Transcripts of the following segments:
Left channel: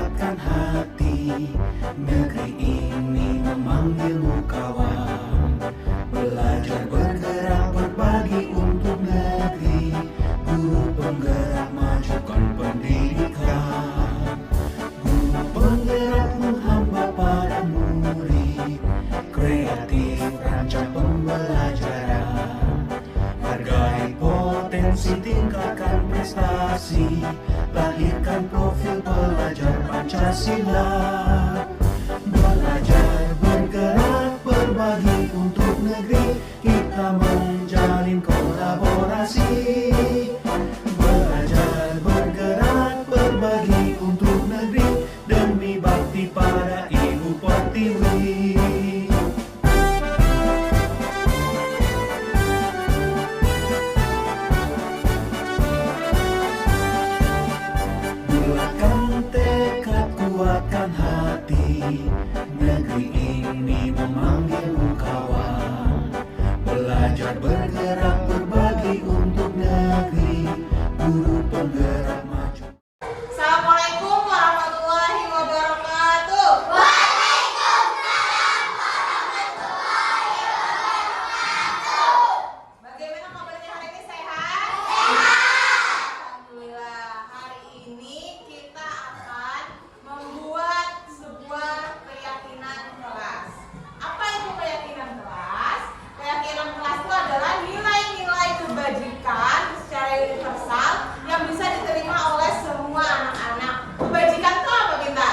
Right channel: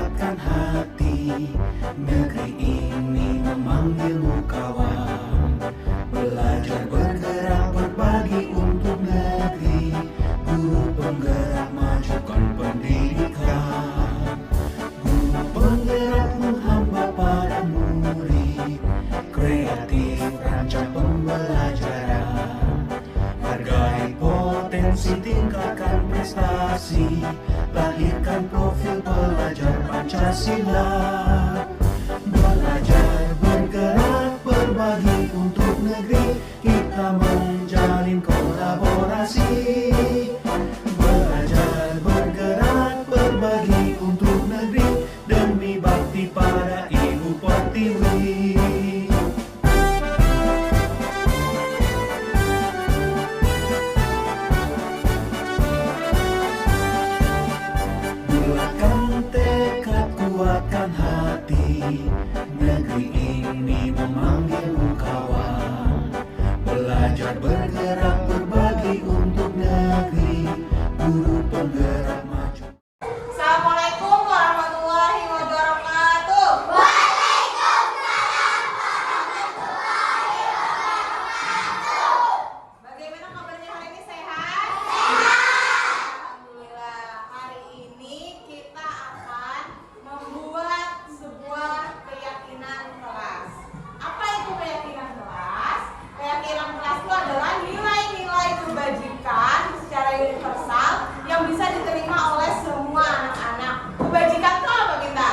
kuatkan hati. Negeri ini memanggilmu kawan. Belajar bergerak berbagi untuk negeri. Guru penggerak majukan pendidikan. Guru penggerak menghamba pada murid. Kreatif rancang pembelajaran. Hargai potensi, tingkatkan prestasi. Lahirkan profil pelajar Pancasila. Belajar bergerak berbagi untuk negeri. Kita menjalin kolaborasi. Belajar bergerak berbagi untuk negeri. Demi bakti pada Ibu Pertiwi. Bulatkan tekad, kuatkan hati. Negeri ini memanggilmu kawan. Belajar bergerak berbagi untuk negeri. Guru penggerak maju. Assalamualaikum warahmatullahi wabarakatuh. Bagaimana kabarnya hari ini, sehat? Alhamdulillah. Hari ini kita akan membuat sebuah keyakinan kelas. Apa itu keyakinan kelas? Keyakinan kelas itu adalah nilai-nilai kebajikan secara universal yang bisa diterima oleh semua anak-anak. Kebajikan itu apa kita?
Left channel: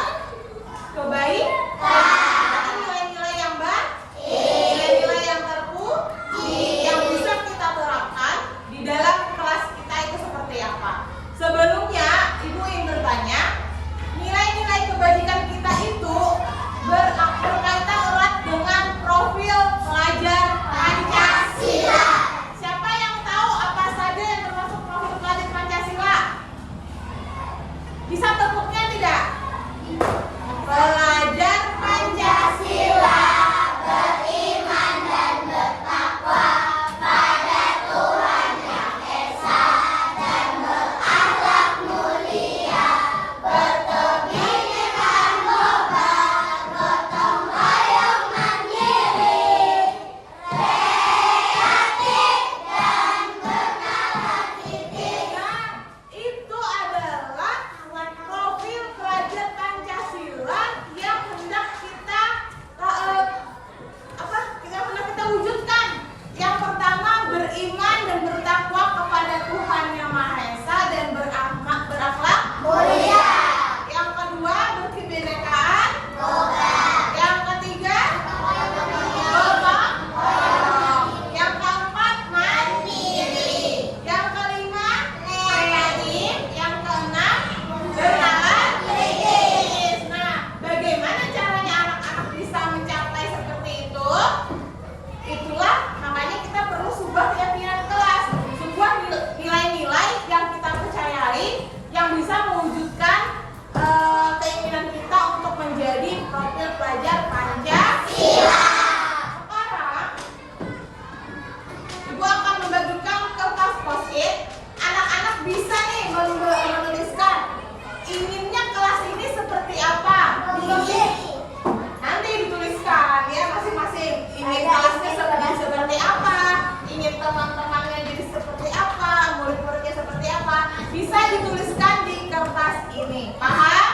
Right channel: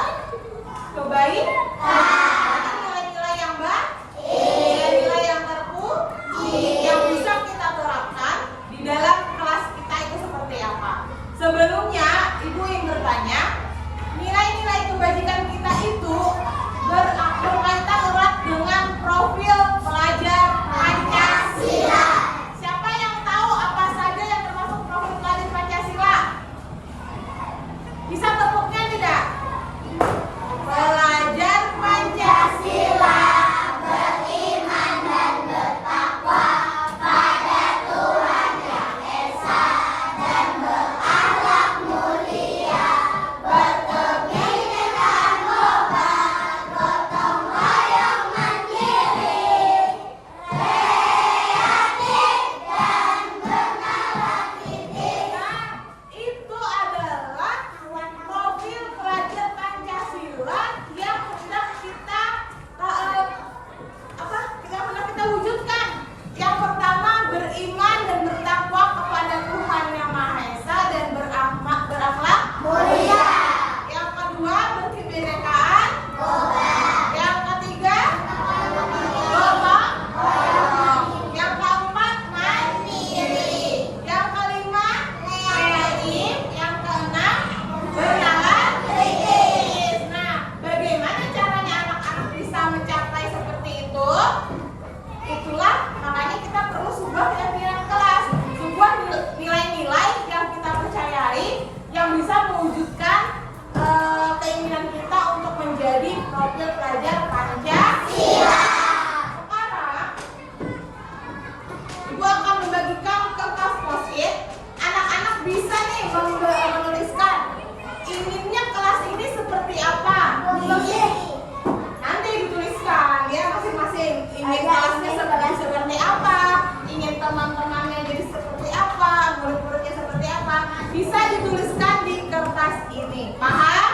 Kebaikan. Ini nilai-nilai yang baik, nilai-nilai yang terpuji, yang bisa kita terapkan di dalam kelas kita itu seperti apa? Sebelumnya, Ibu ingin bertanya, nilai-nilai kebajikan kita itu berkaitan erat dengan profil pelajar Pancasila. Siapa yang tahu apa saja yang termasuk profil pelajar Pancasila? Bisa tepuknya tidak? Pelajar Pancasila beriman dan bertakwa pada Tuhan Yang Esa dan berakhlak mulia, berkepimpinan moral, gotong royong mandiri, kreatif dan bernarasi. Itu adalah profil pelajar Pancasila yang hendak kita wujudkan. Yang pertama, beriman dan bertakwa kepada Tuhan Yang Maha Esa dan berakhlak mulia. Yang kedua, berkebinekaan. Yang ketiga, gotong royong. Yang keempat, mandiri. Yang kelima, kreatif. Yang keenam, bernalar kritis. Nah, bagaimana caranya anak-anak bisa mencapai seperti itu? Itulah makanya kita perlu sebuah keyakinan kelas, sebuah nilai-nilai yang kita percayai yang bisa mewujudkan keinginan kita untuk menjadi profil pelajar Pancasila. Sekarang Ibu akan membagikan kertas post-it. Anak-anak bisa nih menuliskan inginnya kelas ini seperti apa. Nanti dituliskan ya masing-masing. Ingin kelasnya seperti apa, ingin teman-temannya jadi seperti apa, murid-muridnya seperti apa. Bisa dituliskan di kertas ini. Paham?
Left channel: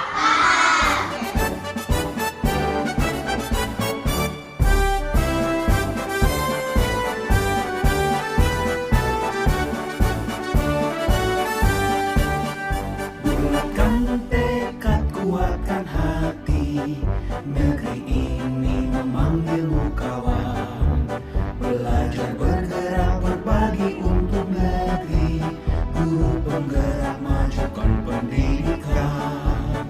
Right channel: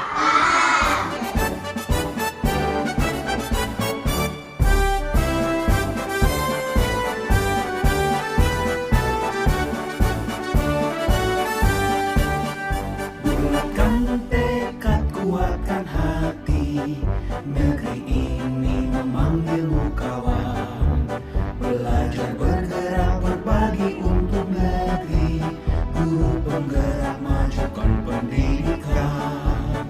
Bulatkan tekad, kuatkan hati. Negeri ini memanggilmu kawan. Belajar bergerak berbagi untuk negeri. Guru penggerak majukan pendidikan.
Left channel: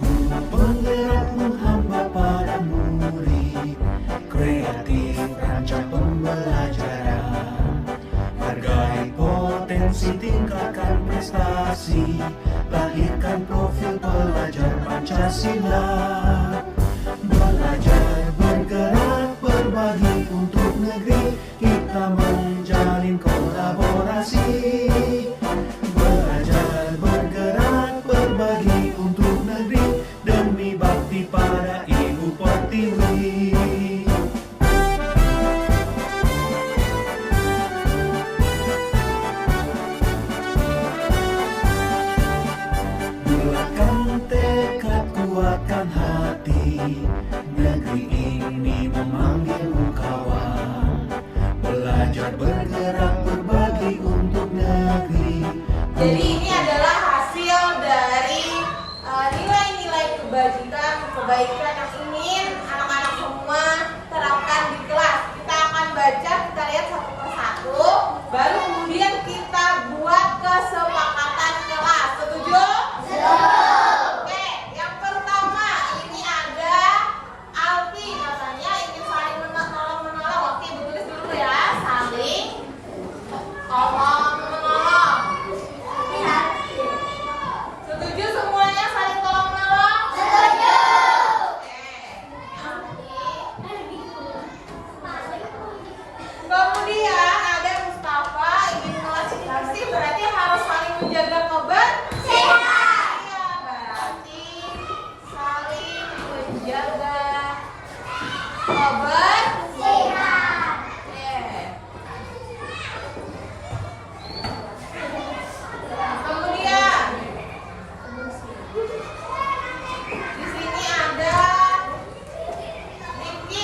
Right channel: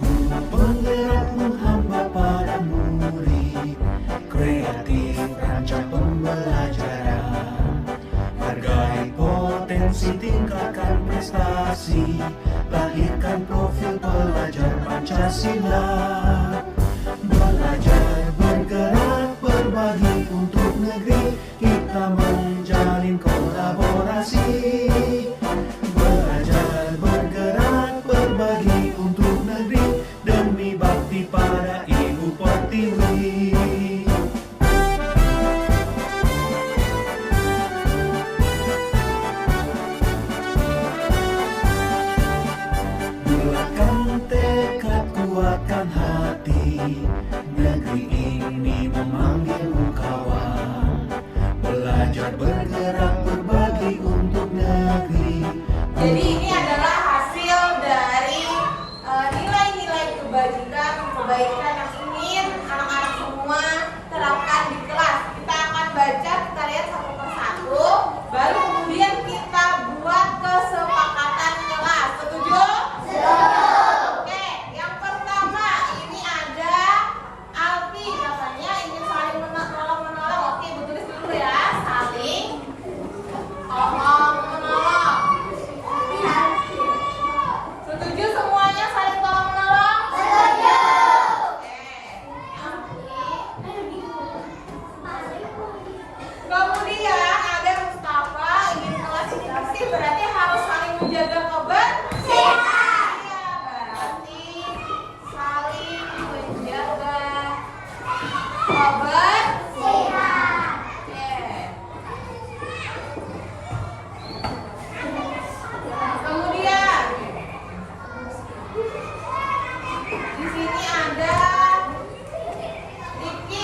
Guru penggerak menghamba pada murid. Kreatif rancang pembelajaran. Hargai potensi, tingkatkan prestasi. Lahirkan profil pelajar Pancasila. Belajar bergerak berbagi untuk negeri. Kita menjalin kolaborasi. Belajar bergerak berbagi untuk negeri. kebaikan yang ingin anak-anak semua terapkan di kelas. Kita akan baca, kita lihat satu persatu, baru kemudian kita buat kesepakatan kelas. Setuju? Oke, yang pertama ini ada Alfi, katanya ingin saling menolong. Oke, bertulis dulu ya, saling tolong menolong. Setuju semuanya saling tolong menolong? Setuju. Kemudian ada Mustafa ingin kelas ini bersih, berarti harus saling menjaga kebersihan. Iya, berarti saling menjaga kebersihan. Oke. Kemudian di sini ada Rifki,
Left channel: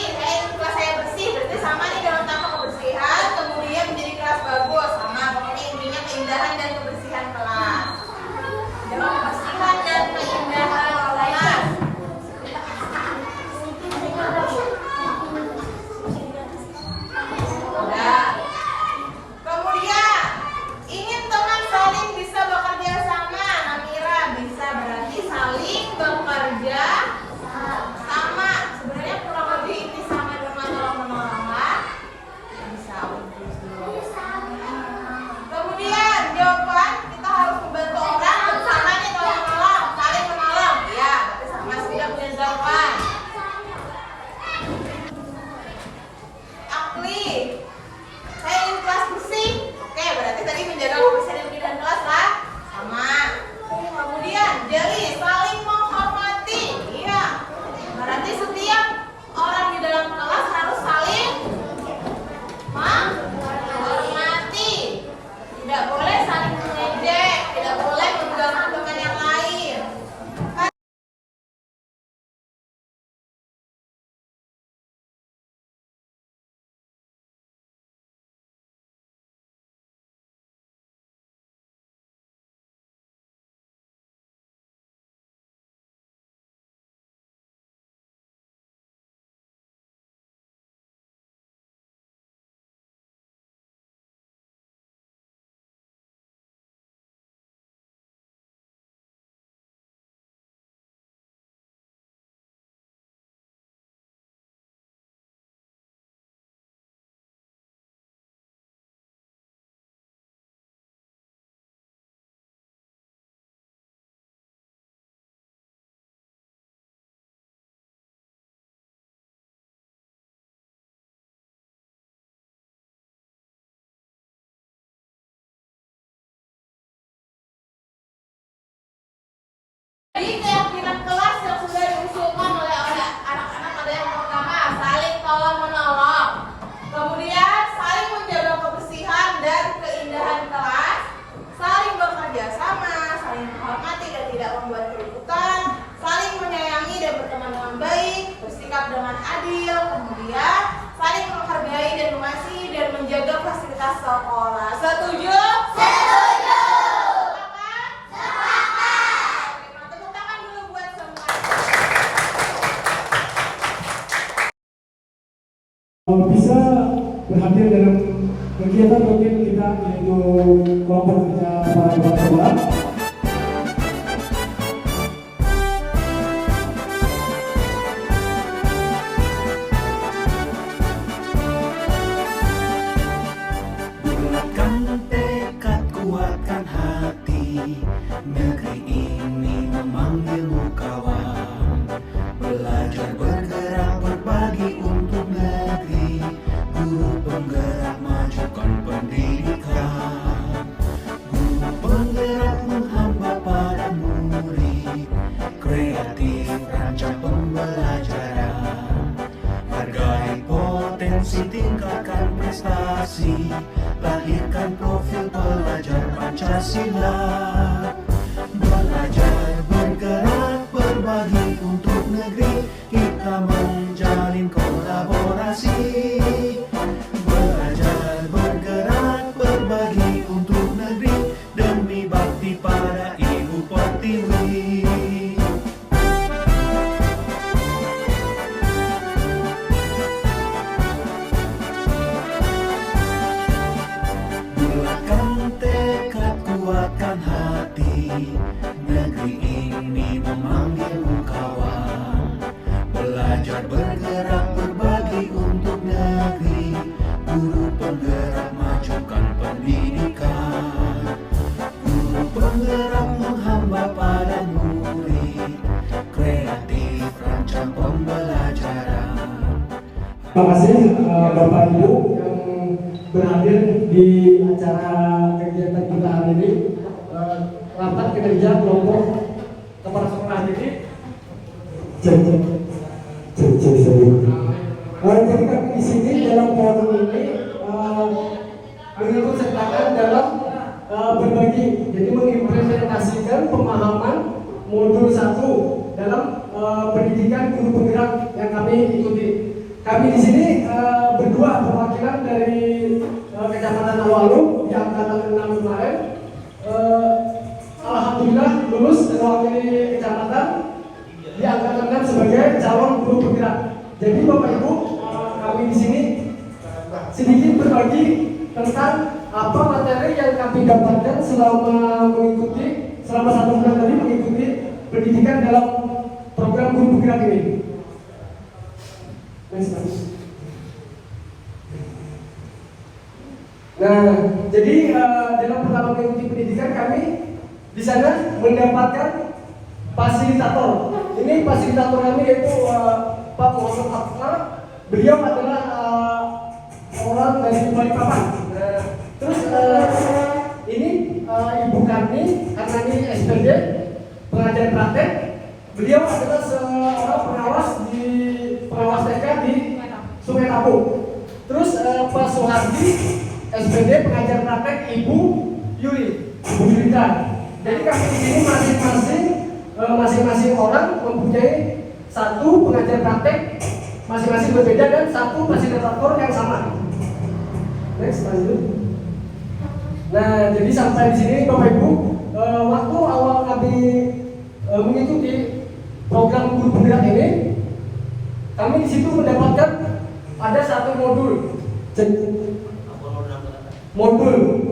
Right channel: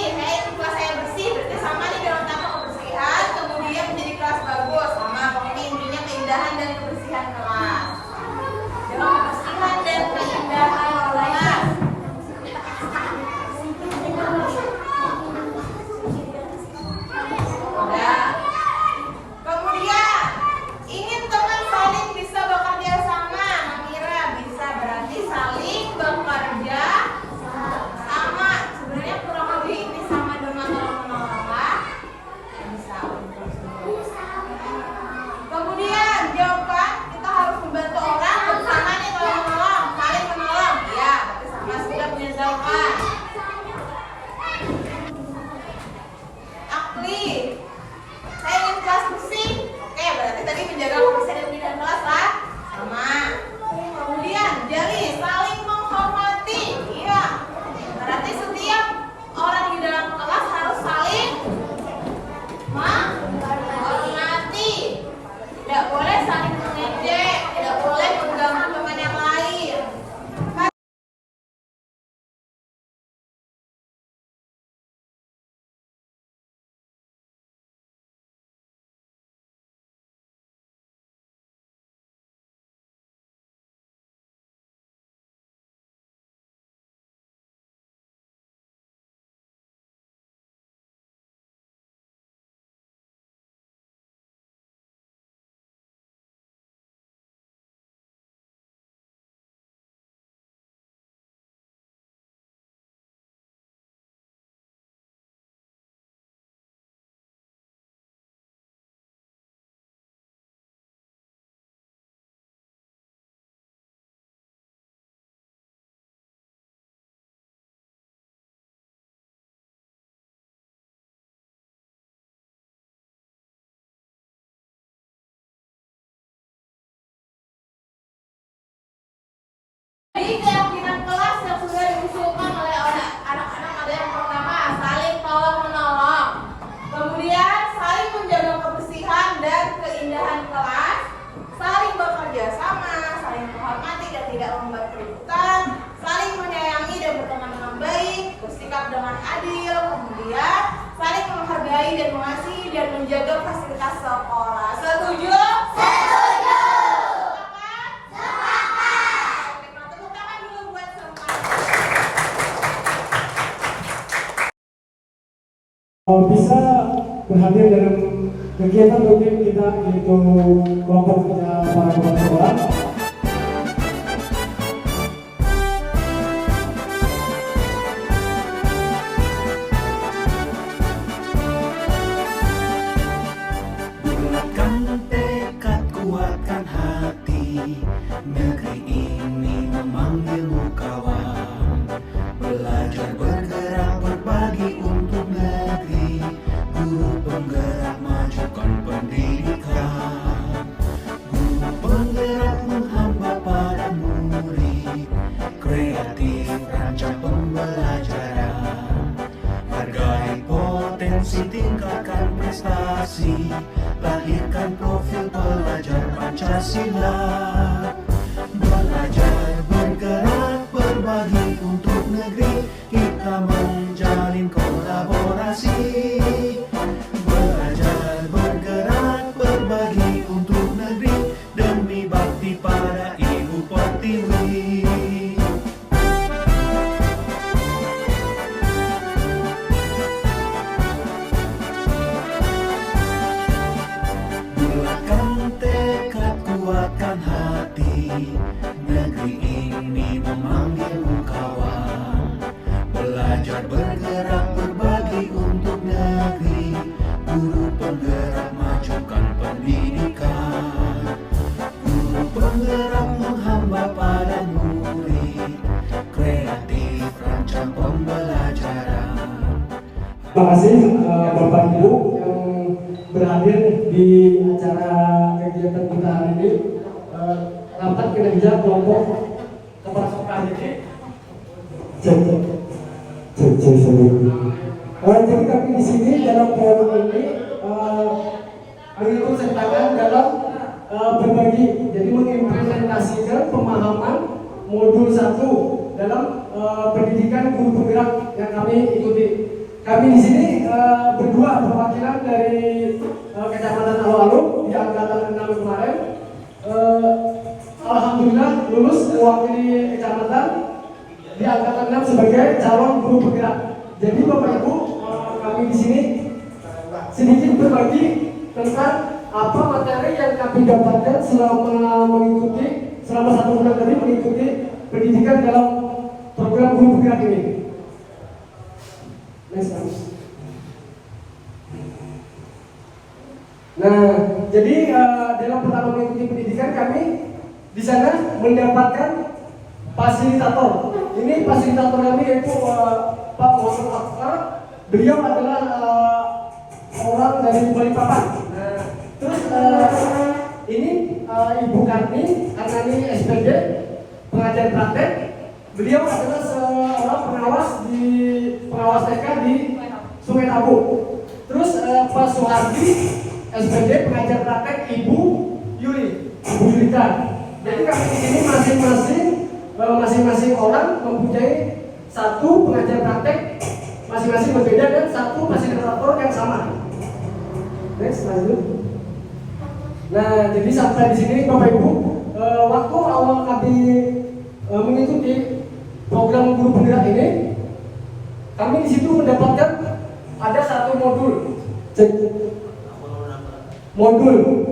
kelas saya bersih, berarti sama nih dengan kata kebersihan, kemudian menjadi kelas bagus, sama pokoknya intinya keindahan dan kebersihan kelas. Dalam kebersihan dan keindahan kelas. Udah. Kemudian ingin teman saling bisa bekerja sama, Amira bisa berarti saling bekerja sama. Sebenarnya kurang lebih ini sama dengan tolong menolong lah. Bisa. Kemudian jawaban kita harus membantu orang, bersamanya tolong menolong, saling menolong. Ya, berarti sama sudah punya jawaban. Akli, saya ingin kelas bersih. Oke, berarti tadi menjaga kebersihan di dalam kelas lah. Sama. Kemudian Jari, saling menghormati. Iya. Berarti setiap orang di dalam kelas harus saling menghormati. Tidak boleh saling mengejek, tidak boleh mengganggu teman yang lain. Jadi keyakinan kelas yang sudah diusulkan oleh anak-anak ada yang pertama saling tolong menolong, kemudian saling menjaga kebersihan dan keindahan kelas, saling bekerja sama, saling menghormati dan tidak membuat keributan, saling menyayangi dan berteman dengan baik, bersikap dengan adil, kemudian saling menghargai dan mengasihi dan menjaga fasilitas sekolah. Setuju? Setuju. Bisa berhadir dalam kegiatan rutin kita yaitu kelompok kerja para orang tua. Bulatkan tekad, kuatkan hati, negeri ini memanggilmu kawan. Belajar bergerak berbagi untuk negeri, guru penggerak majukan pendidikan. Guru penggerak menghamba pada murid, kreatif rancang pembelajaran. Hargai potensi, tingkatkan prestasi, lahirkan profil pelajar Pancasila. Belajar bergerak berbagi untuk negeri, kita menjalin kolaborasi. Belajar bergerak berbagi untuk negeri, demi bakti pada Ibu Pertiwi. kreatif rancang pembelajaran. Terima kasih Bapak Ibu yang berhadir di acara kegiatan kita hari ini. Rapat kinerja kelompok kepala sekolah ini. Jadi kami di sini dalam forum ini mengikut sertakan dalam berbagi, jadi mengimplementasikan pemahaman modul 1 dalam pendidikan guru penggerak yang kami ikuti. Kami di sini berdua perwakilan dari Kecamatan Awalum di angkatan 6 kemarin. Alhamdulillah lulus mewakili kecamatan di angkatan 6 sebagai calon guru penggerak. Jadi Bapak Ibu, kami di sini sedikit berbagi tentang apa materi yang kami dapatkan selama 1 bulan tadi mengikuti pendidikan dalam program guru penggerak ini. Nah, jadi dalam pertama mengikuti pendidikan kami di sana mendapatkan fasilitator. Ini fasilitator kami yaitu Pak Muhammad Afkar. Beliau adalah orang dari Balikpapan. Terus ini Ibu Karni, karena ini SPD pengajar praktek. Beliau adalah seorang pengawas TK di Sungai Abu. Terus Pak Suhardi, SPD pengajar praktek Ibu Yurita. Jadi kami di sini masing-masing orang mempunyai 1 pengajar praktek masing-masing berbeda dan 1 fasilitator yang sama. Next, lanjut. Nah, jadi sampai di sini Bapak Ibu, waktu awal kami mengikuti program guru penggerak ini, kami di situ mendapatkan ada 1 modul.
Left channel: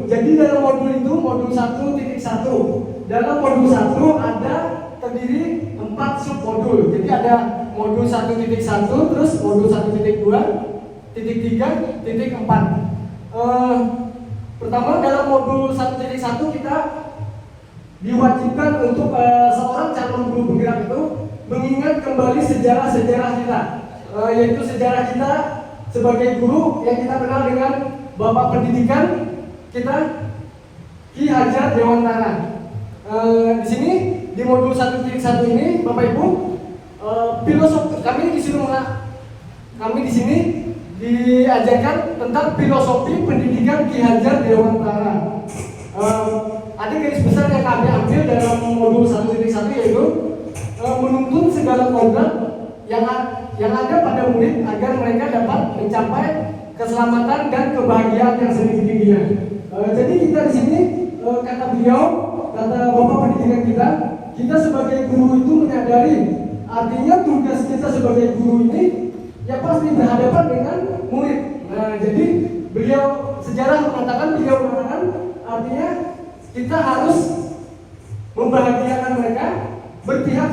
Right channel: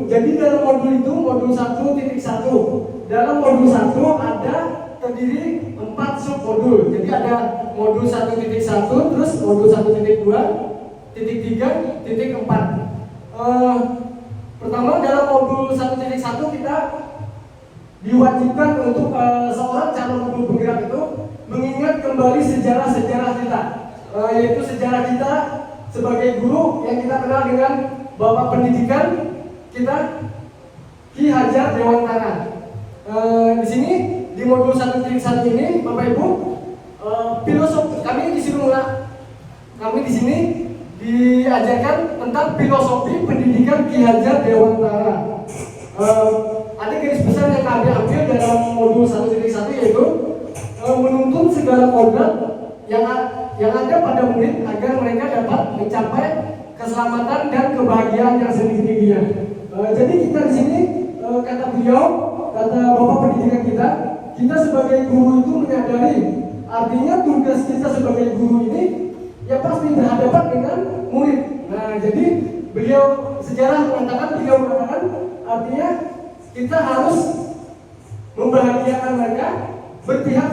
Jadi dalam modul itu modul 1.1. Dalam modul 1 ada terdiri 4 submodul. Jadi ada modul 1.1, terus modul 1.2, titik 3, titik 4. Pertama dalam modul 1.1 kita diwajibkan untuk seorang calon guru penggerak itu mengingat kembali sejarah-sejarah kita, yaitu sejarah kita sebagai guru yang kita kenal dengan Bapak Pendidikan kita Ki Hajar Dewantara. Di sini di modul 1.1 ini Bapak Ibu, filosofi kami di sini diajarkan tentang filosofi pendidikan Ki Hajar Dewantara. Ada garis besar yang kami ambil dalam modul 1.1 yaitu menuntun segala program yang ada pada murid agar mereka dapat mencapai keselamatan dan kebahagiaan yang setinggi-tingginya. Jadi kita di sini kata Bapak Pendidikan kita sebagai guru itu menyadari artinya tugas kita sebagai guru ini ya pasti berhadapan dengan murid. Nah, jadi beliau mengatakan artinya kita harus membahagiakan mereka, berpihak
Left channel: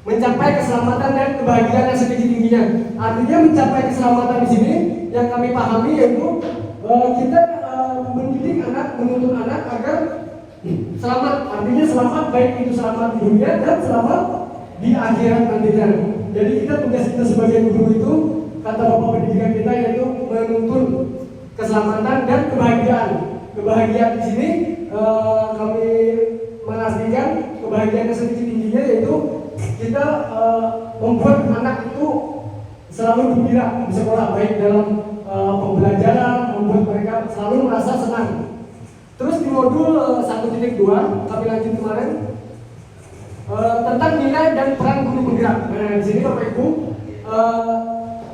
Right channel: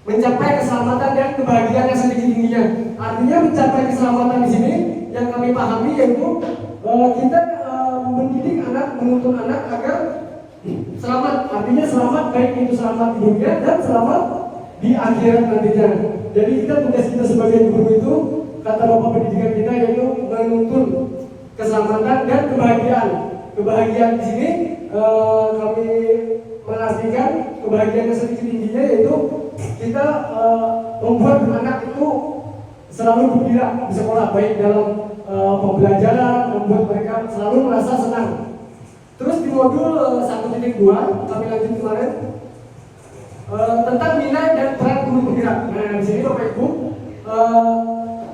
mencapai keselamatan dan kebahagiaan yang setinggi-tingginya. Artinya mencapai keselamatan di sini yang kami pahami yaitu kita mendidik anak, menuntun anak agar selamat. Artinya selamat baik itu selamat di dunia dan selamat di akhirat nantinya. Jadi tugas kita sebagai guru itu kata Bapak Pendidikan kita yaitu menuntun keselamatan dan kebahagiaan. Kebahagiaan di sini kami mengartikan kebahagiaan yang setinggi-tingginya yaitu kita membuat anak itu selalu gembira di sekolah, baik dalam pembelajaran, membuat mereka selalu merasa senang. Terus di modul 1.2 kami lanjut kemarin tentang nilai dan peran guru penggerak. Nah, di sini Bapak Ibu,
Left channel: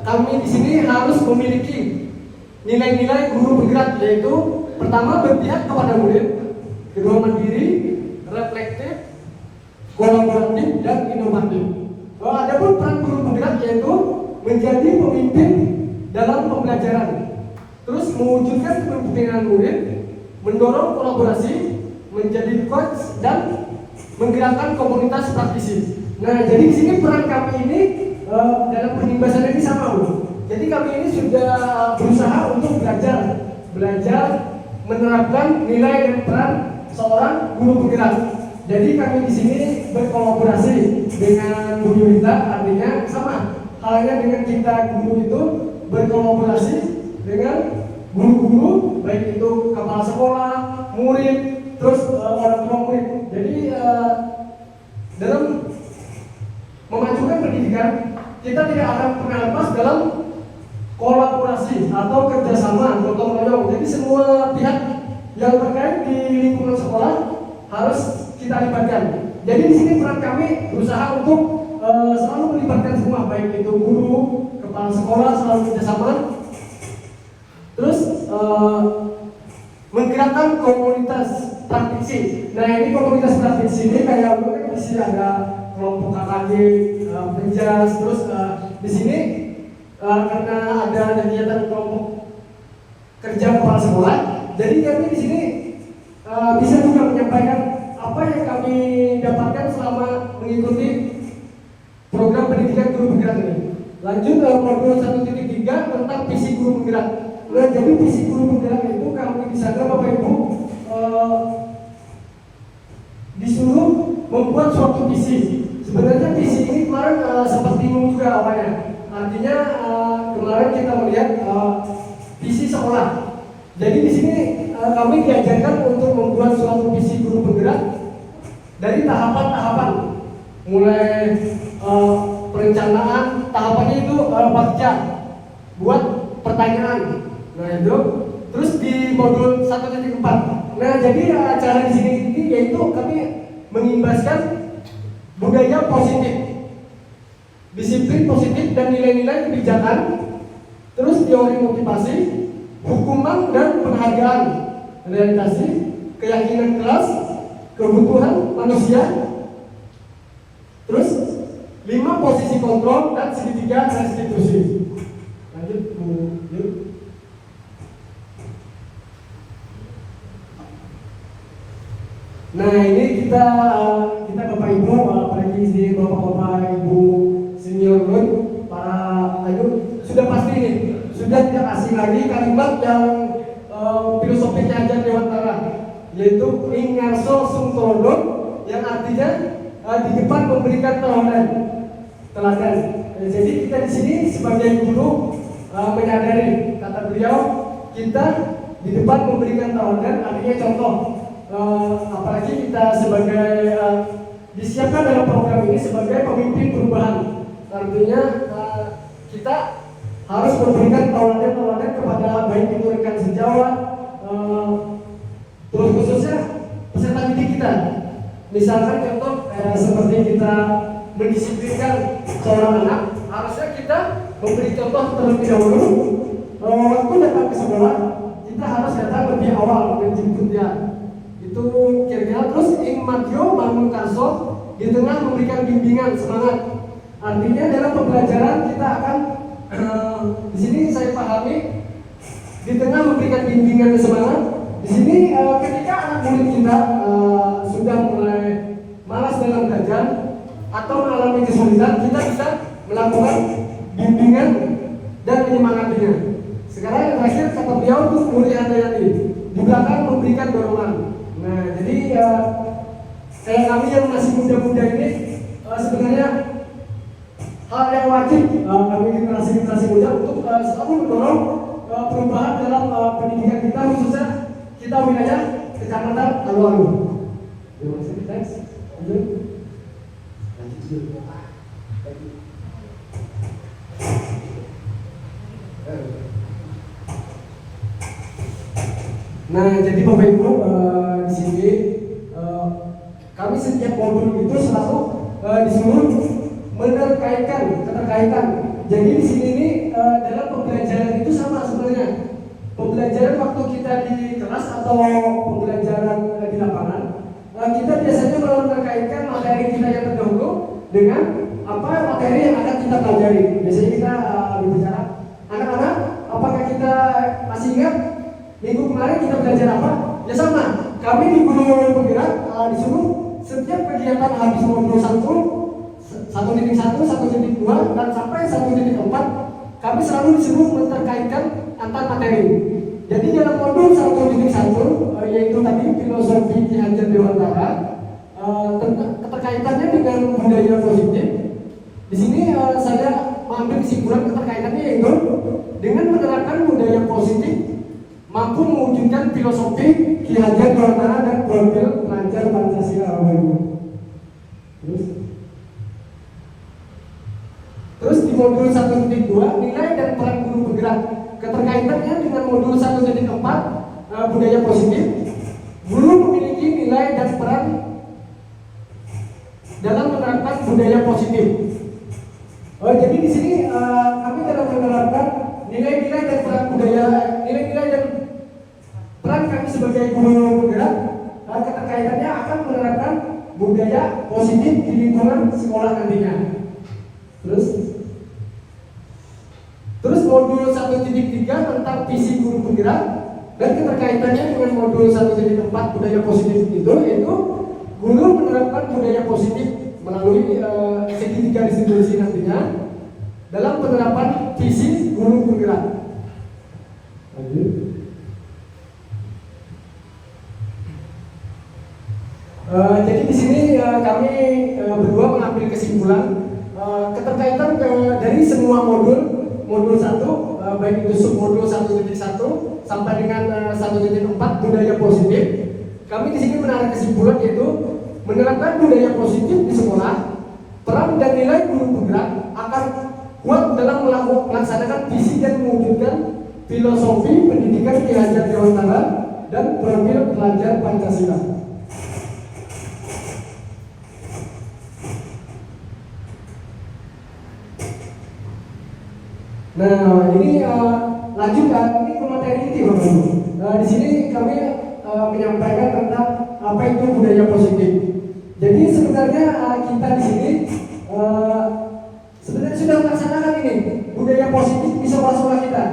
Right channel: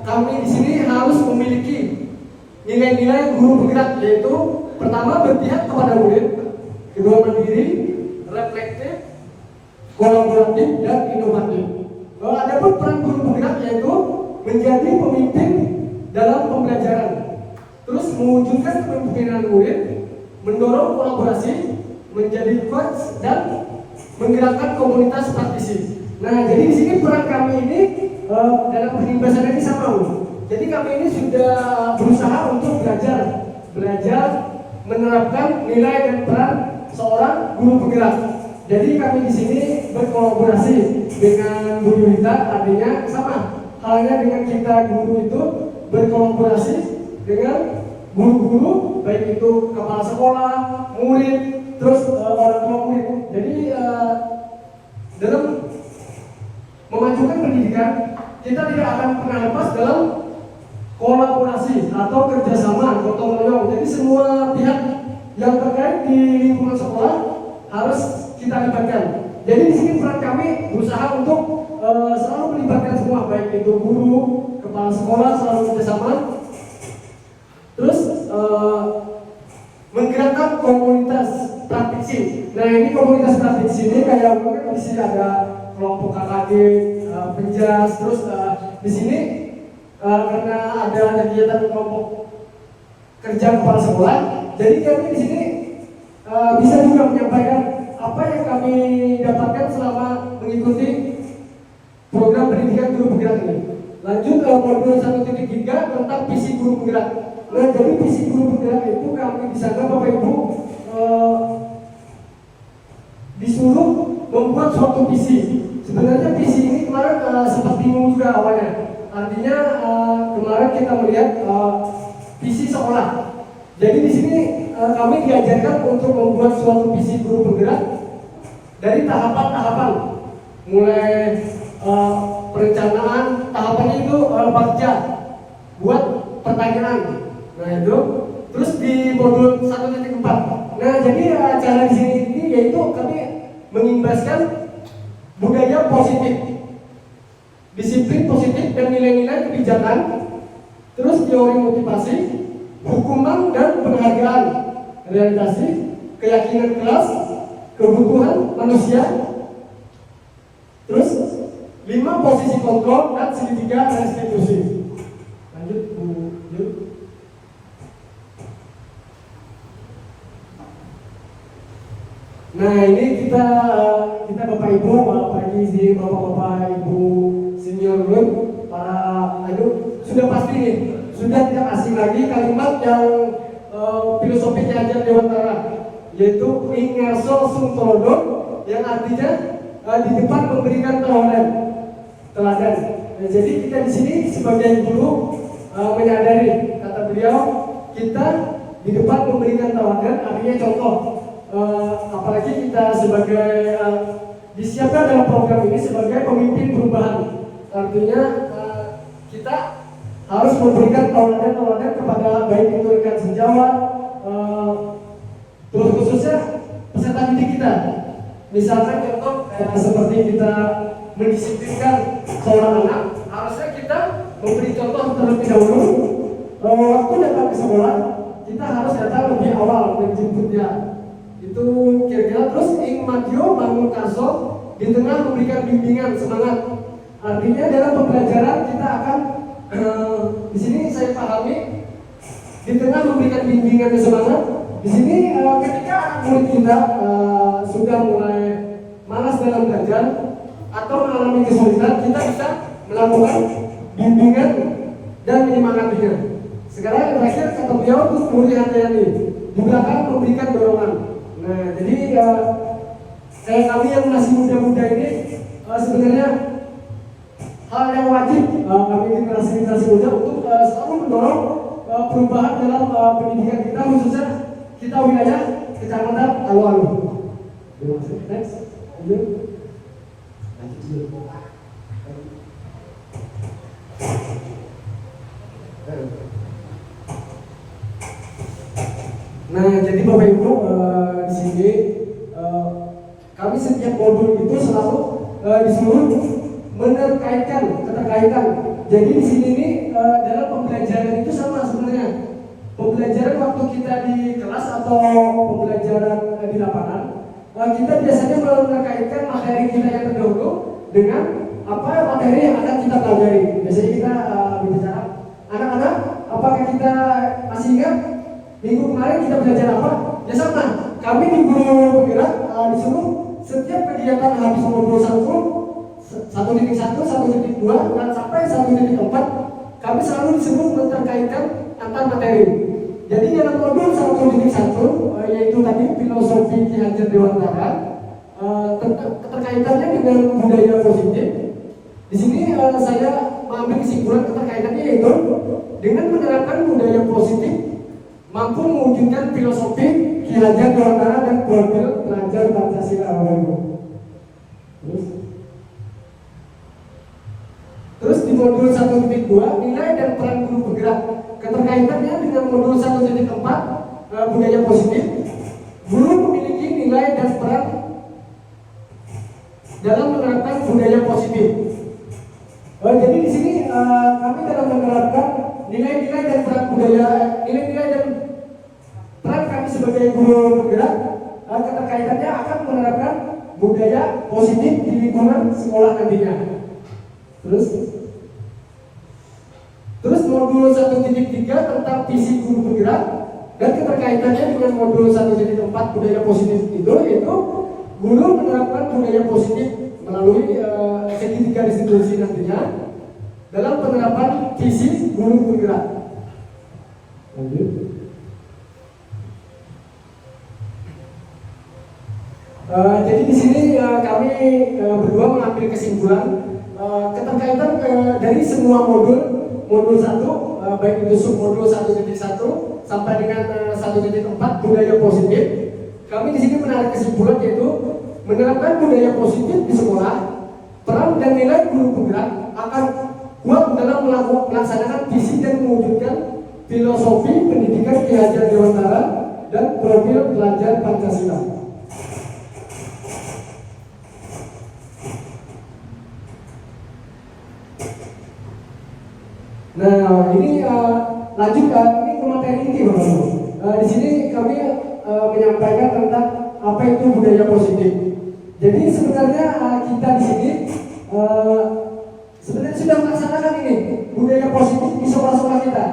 kami di sini harus memiliki nilai-nilai guru penggerak, yaitu pertama berpihak kepada murid, kedua mandiri, reflektif, kolaboratif dan inovatif. Adapun peran guru penggerak yaitu menjadi pemimpin dalam pembelajaran, terus mewujudkan kepemimpinan murid, mendorong kolaborasi, menjadi coach dan menggerakkan komunitas praktisi. Nah, jadi di sini peran kami ini dalam penimbasan ini sama. Jadi kami ini sudah berusaha untuk belajar menerapkan nilai dan peran seorang guru penggerak. Jadi kami di sini gurita, artinya sama halnya dengan kita guru itu berkolaborasi dengan guru-guru, baik itu kepala sekolah, murid, terus orang tua murid. Jadi dalam memajukan pendidikan kita tidak akan pernah lepas dalam kolaborasi atau kerjasama gotong royong. Jadi semua pihak yang terkait di lingkungan sekolah harus kita libatkan. Jadi di sini peran kami berusaha untuk selalu melibatkan semua, baik itu guru, kepala sekolah, selalu kerjasama. Terus menggerakkan komunitas praktisi. Nah ini komunitas praktisi ini kayak di sini ada kelompok KKD, penjas, terus di sini karena ada kegiatan kelompok kerja kepala sekolah, jadi kami di sini bisa juga menyampaikan apa yang kami dapatkan selama mengikuti program pendidikan guru penggerak ini. Lanjut ke modul 1.3 tentang visi guru penggerak. Nah, jadi visi guru penggerak itu kami di sana Bapak Ibu disuruh membuat suatu visi. Sebenarnya visi ini kemarin sempat bingung juga awalnya. Artinya kemarin kita melihat visi sekolah. Jadi di sini kami diajarkan untuk membuat suatu visi guru penggerak dari tahapan-tahapan, mulai perencanaan, tahapannya itu baca, buat pertanyaan. Nah itu, terus di modul 1.4. Nah jadi acara di sini ini yaitu kami mengimbaskan budaya positif, disiplin positif dan nilai-nilai kebijakan, terus teori motivasi, hukuman dan penghargaan, realisasi, keyakinan kelas, kebutuhan manusia, terus 5 posisi kontrol dan segitiga restitusi. Lanjut Bu Yud. Nah ini kita Bapak Ibu, apalagi di Bapak-bapak Ibu senior pun para sudah pasti nih, sudah tidak asing lagi kalimat yang filosofi ajar Dewantara, yaitu ingerso sum tolodon, yang artinya di depan memberikan teladan. Jadi kita di sini sebagai guru menyadari, kata beliau, kita di depan memberikan teladan, artinya contoh. Apalagi kita sebagai disiapkan dalam program ini sebagai pemimpin perubahan, artinya kita harus memberikan teladan kepada baik itu rekan sejawat, terus khususnya peserta didik kita. Misalkan contoh seperti kita mendisiplinkan seorang anak, harusnya kita memberi contoh terlebih dahulu. Waktu datang ke sekolah, kita harus datang lebih awal menjemputnya. Itu kira-kira. Terus ing madyo bangun karso, di tengah memberikan bimbingan semangat. Artinya dalam pembelajaran kita akan di sini saya pahami di tengah memberikan bimbingan dan semangat. Di sini ketika anak murid kita sudah mulai malas dalam belajar atau mengalami kesulitan, kita bisa melakukan bimbingan dan menyemangatinya. Sekarang yang terakhir kata beliau untuk murid hati-hati di belakang memberikan dorongan. Nah jadi kayak kami yang masih muda-muda ini sebenarnya hal yang wajib kami generasi muda untuk selalu mendorong perubahan dalam pendidikan kita, khususnya kita wilayah Kecamatan Alun-Alun. Terima kasih. Next. Nah, jadi Bapak Ibu di sini kami setiap modul itu selalu disuruh keterkaitan. Jadi di sini ini dalam pembelajaran itu sama sebenarnya. Pembelajaran waktu kita di kelas atau pembelajaran di lapangan, kita biasanya menerkaitkan materi kita yang terdahulu dengan apa materi yang akan kita pelajari. Biasanya kita berbicara, anak-anak, apakah kita masih ingat minggu kemarin kita belajar apa? Ya sama. Kami di guru penggerak disuruh setiap kegiatan habis modul 1, 1.1, 1.2 dan sampai 1.4, kami selalu disuruh menerkaitkan antar materi. Jadi dalam modul 1.1 yaitu tadi filosofi Ki Hajar Dewantara, keterkaitannya dengan budaya positif. Di sini saya mengambil kesimpulan keterkaitannya yaitu dengan menerapkan budaya positif mampu mewujudkan filosofi Ki Hajar Dewantara dan profil pelajar Pancasila. Terus di modul 1.2 nilai dan peran guru bergerak. Keterkaitannya dengan modul 1.4 budaya positif. Guru memiliki nilai dan peran dalam menerapkan budaya positif. Jadi di sini kami dalam menerapkan nilai-nilai dan peran budaya, nilai-nilai dan peran kami sebagai guru bergerak. Keterkaitannya akan menerapkan budaya positif di lingkungan sekolah nantinya. Terus modul 1.3 tentang visi guru bergerak dan keterkaitannya dengan modul 1.4 budaya positif itu yaitu guru menerapkan budaya positif melalui segitiga distribusi nantinya dalam penerapan visi guru bergerak. Jadi di sini kami berdua mengambil kesimpulan keterkaitan dari semua modul 1 baik itu submodul 1.1 sampai dengan 1.4 budaya positif. Kami di sini menarik kesimpulan yaitu menerapkan budaya positif di sekolah, peran dan nilai guru bergerak akan kuat dalam melaksanakan visi dan mewujudkan filosofi pendidikan Ki Hajar Dewantara dan profil pelajar Pancasila. Nah, ini lanjut ini materi inti, di sini kami menyampaikan tentang apa itu budaya positif. Jadi sebenarnya kita di sini sebenarnya sudah melaksanakan ini budaya positif di sekolah-sekolah kita.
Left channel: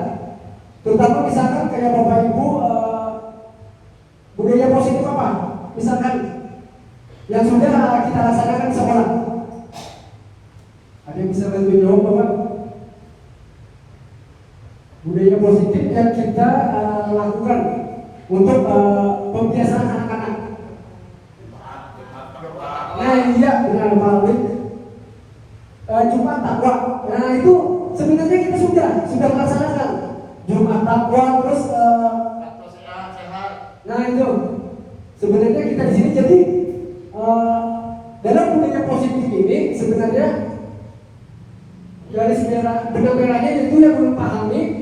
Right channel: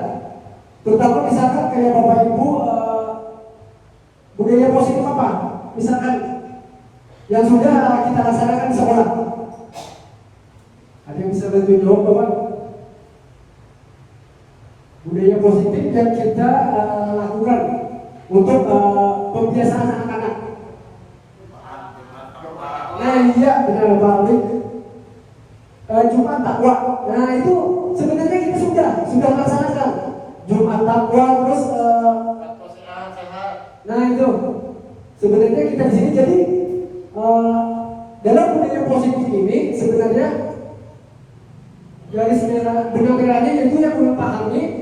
Terutama misalkan kayak Bapak Ibu budaya positif apa? Misalkan yang sudah kita laksanakan di sekolah. Ada yang bisa bantu jawab, Bapak? Budaya positif yang kita lakukan untuk pembiasaan anak-anak. Nah iya benar Pak Alik. Jumat takwa. Nah itu sebenarnya kita sudah melaksanakan Jumat takwa terus. Nah itu sebenarnya kita di sini jadi dalam budaya positif ini sebenarnya garis merahnya itu yang memahami.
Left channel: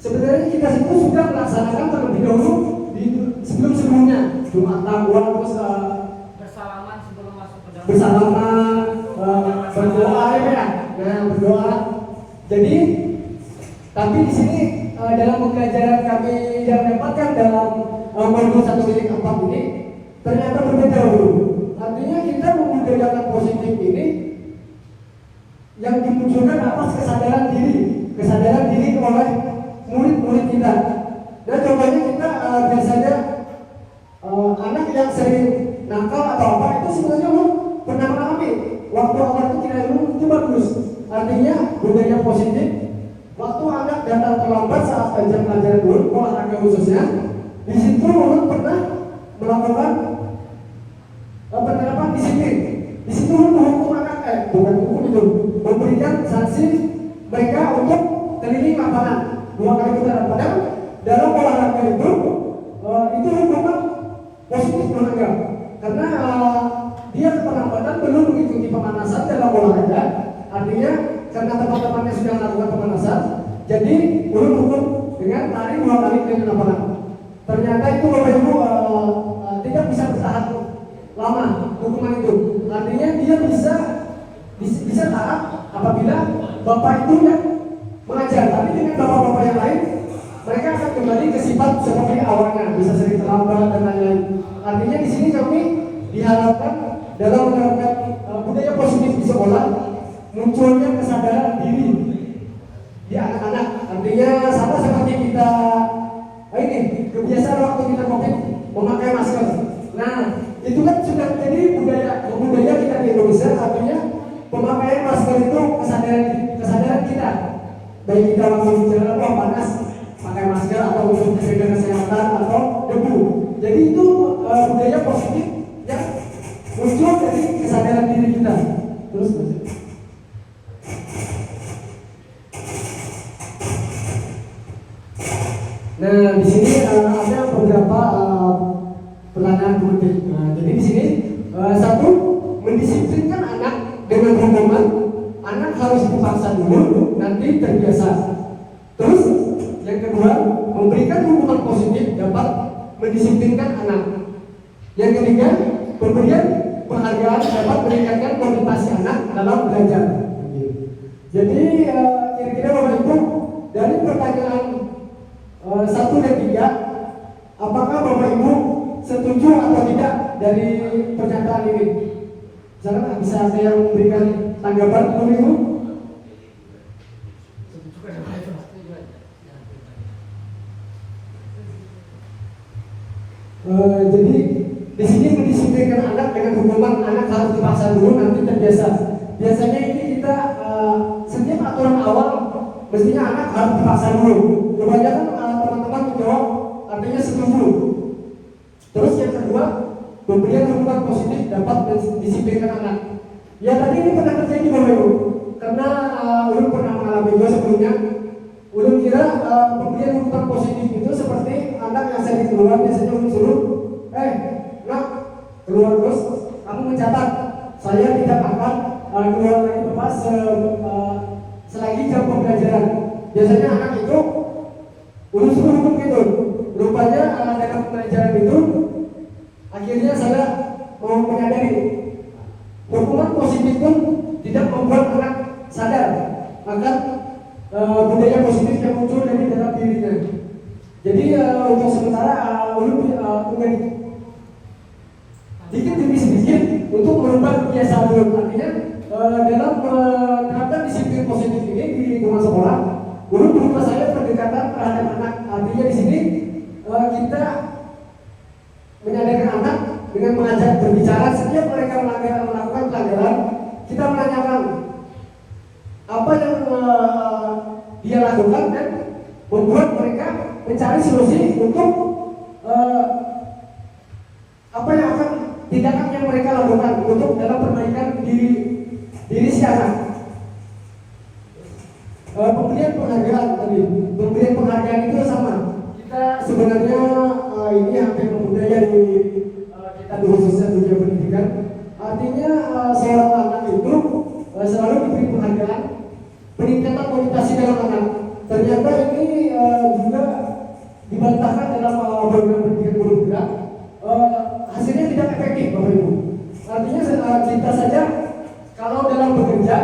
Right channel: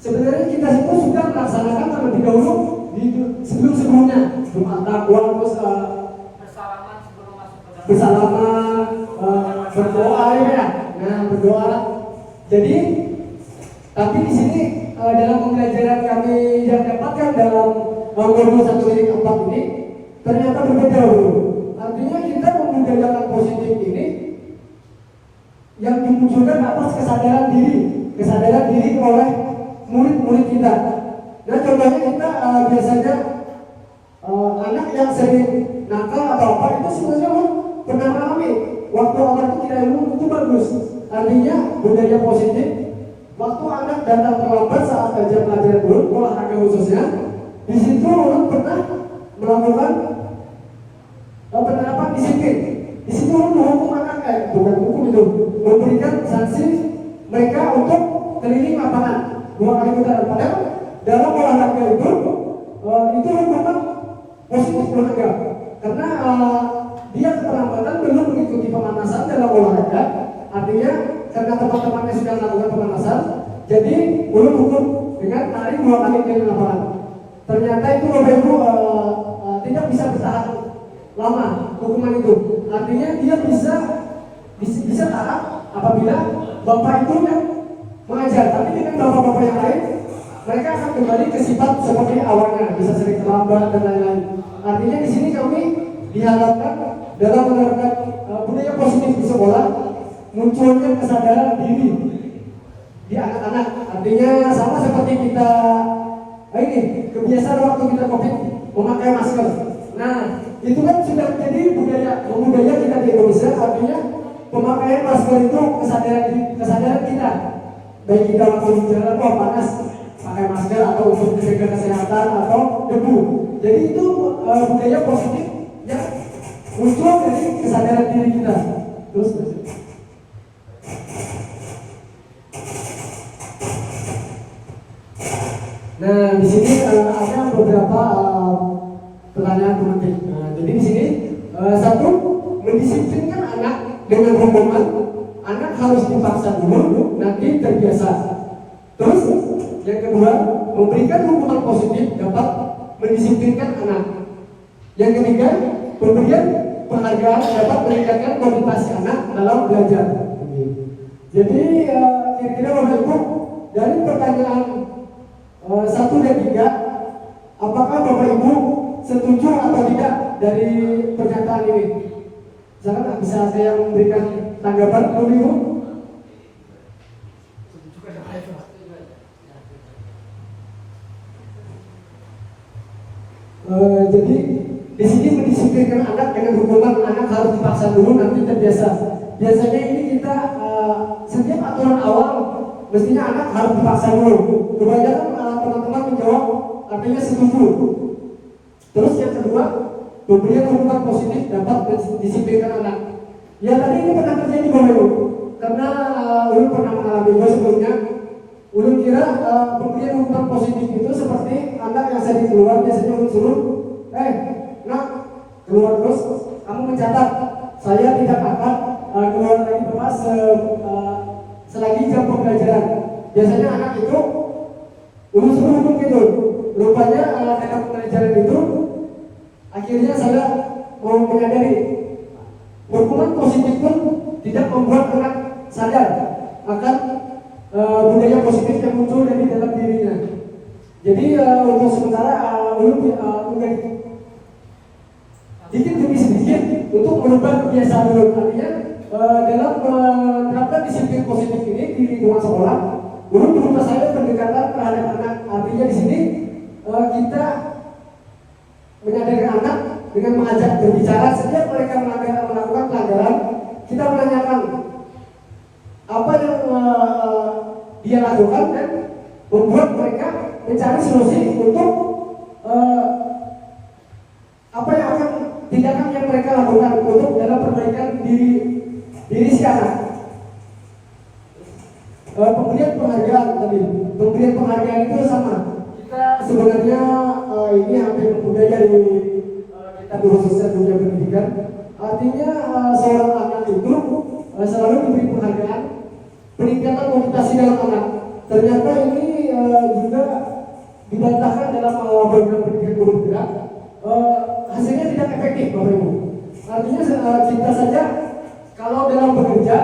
Sebenarnya kita semua sudah melaksanakan terlebih dahulu di sebelum-sebelumnya Jumat takwa terus bersalaman sebelum masuk ke dalam. Bersalaman berdoa ya. Nah berdoa. Jadi tapi di sini dalam pembelajaran kami yang dapatkan dalam modul 1.4 ini ternyata berbeda dulu. Artinya kita membudayakan positif ini yang dimunculkan atas kesadaran diri oleh murid-murid kita. Dan contohnya kita biasanya anak yang sering nakal atau apa itu sebenarnya pernah mengalami waktu anak itu tidak ilmu itu bagus. Artinya budaya positif. Waktu anak datang terlambat saat belajar pelajaran dulu olahraga khususnya, di situ orang pernah melakukan penerapan disiplin. Di situ menghukum anak bukan hukum itu, memberikan sanksi mereka untuk keliling lapangan 2 kali putaran. Padahal dalam olahraga itu memang positif olahraga karena dia keterlambatan belum mengikuti pemanasan dalam olahraga. Artinya karena teman-temannya sudah melakukan pemanasan, jadi belum hukum dengan lari 2 kali keliling lapangan. Ternyata itu tidak bisa bertahan lama hukuman itu. Artinya dia bisa taat apabila bapak itu yang mengajar, tapi dengan bapak-bapak yang lain mereka akan kembali ke sifat seperti awalnya, bisa sering terlambat dan lain-lain. Artinya di sini kami diharapkan dalam menerapkan budaya positif di sekolah munculnya kesadaran diri di anak-anak. Artinya sama seperti kita ini kebiasaan waktu kita COVID memakai masker. Nah itu kan sudah menjadi budaya kita di Indonesia. Artinya pemakaian masker itu kesadaran kita. Baik kita langsung di jalan panas pakai masker atau untuk menjaga kesehatan atau debu. Jadi itu budaya positif yang muncul dari kesadaran diri kita. Terus Nah, di sini ada beberapa pertanyaan pemantik. Nah, jadi di sini satu, mendisiplinkan anak dengan hukuman, anak harus dipaksa dulu, nanti terbiasa. Terus yang kedua, memberikan hukuman positif dapat mendisiplinkan anak. Yang ketiga, pemberian penghargaan dapat meningkatkan motivasi anak dalam belajar. Jadi kira-kira Bapak Ibu, dari pertanyaan 1 dan 3, apakah Bapak Ibu setuju atau tidak dari pernyataan ini? Misalkan bisa ada yang memberikan tanggapan Bapak Ibu? Jadi di sini mendisiplinkan anak dengan hukuman, anak harus dipaksa dulu, nanti terbiasa. Biasanya ini kita setiap aturan awal mestinya anak harus dipaksa dulu. Kebanyakan teman-teman menjawab artinya setuju. Terus yang kedua, pemberian hukuman positif dapat mendisiplinkan anak. Ya tadi ini pernah terjadi Bapak Ibu, karena Ulun pernah mengalami sebelumnya. Ulun kira pemberian hukuman positif itu seperti anak yang sedang keluar, biasanya Ulun suruh, nak keluar terus, kamu mencatat, saya tidak akan keluar lagi Bapak selagi jam pembelajaran. Biasanya anak itu Ulun suruh hukum gitu. Rupanya dalam pembelajaran itu akhirnya saya mau menyadari hukuman positif pun tidak membuat anak sadar akan budaya positif yang muncul dari dalam dirinya. Jadi untuk sementara Ulun sedikit demi sedikit untuk merubah kebiasaan Ulun. Artinya dalam menerapkan disiplin positif ini di lingkungan sekolah, Ulun berubah saya pendekatan terhadap anak. Artinya di sini kita menyadarkan anak dengan mengajak berbicara setiap mereka melakukan pelanggaran. Kita menanyakan apa yang dia lakukan dan membuat mereka mencari solusi untuk apa yang akan tindakan yang mereka lakukan untuk dalam perbaikan diri si anak. Pemberian penghargaan tadi, pemberian penghargaan itu sama. Kita sebenarnya ini hampir budaya di kita khususnya dunia pendidikan. Artinya seorang anak itu selalu diberi penghargaan, peningkatan motivasi dalam anak. Ternyata ini juga dibantahkan dalam program pendidikan guru gerak. Hasilnya tidak efektif Bapak Ibu. Artinya kita saja kalau dalam bekerja,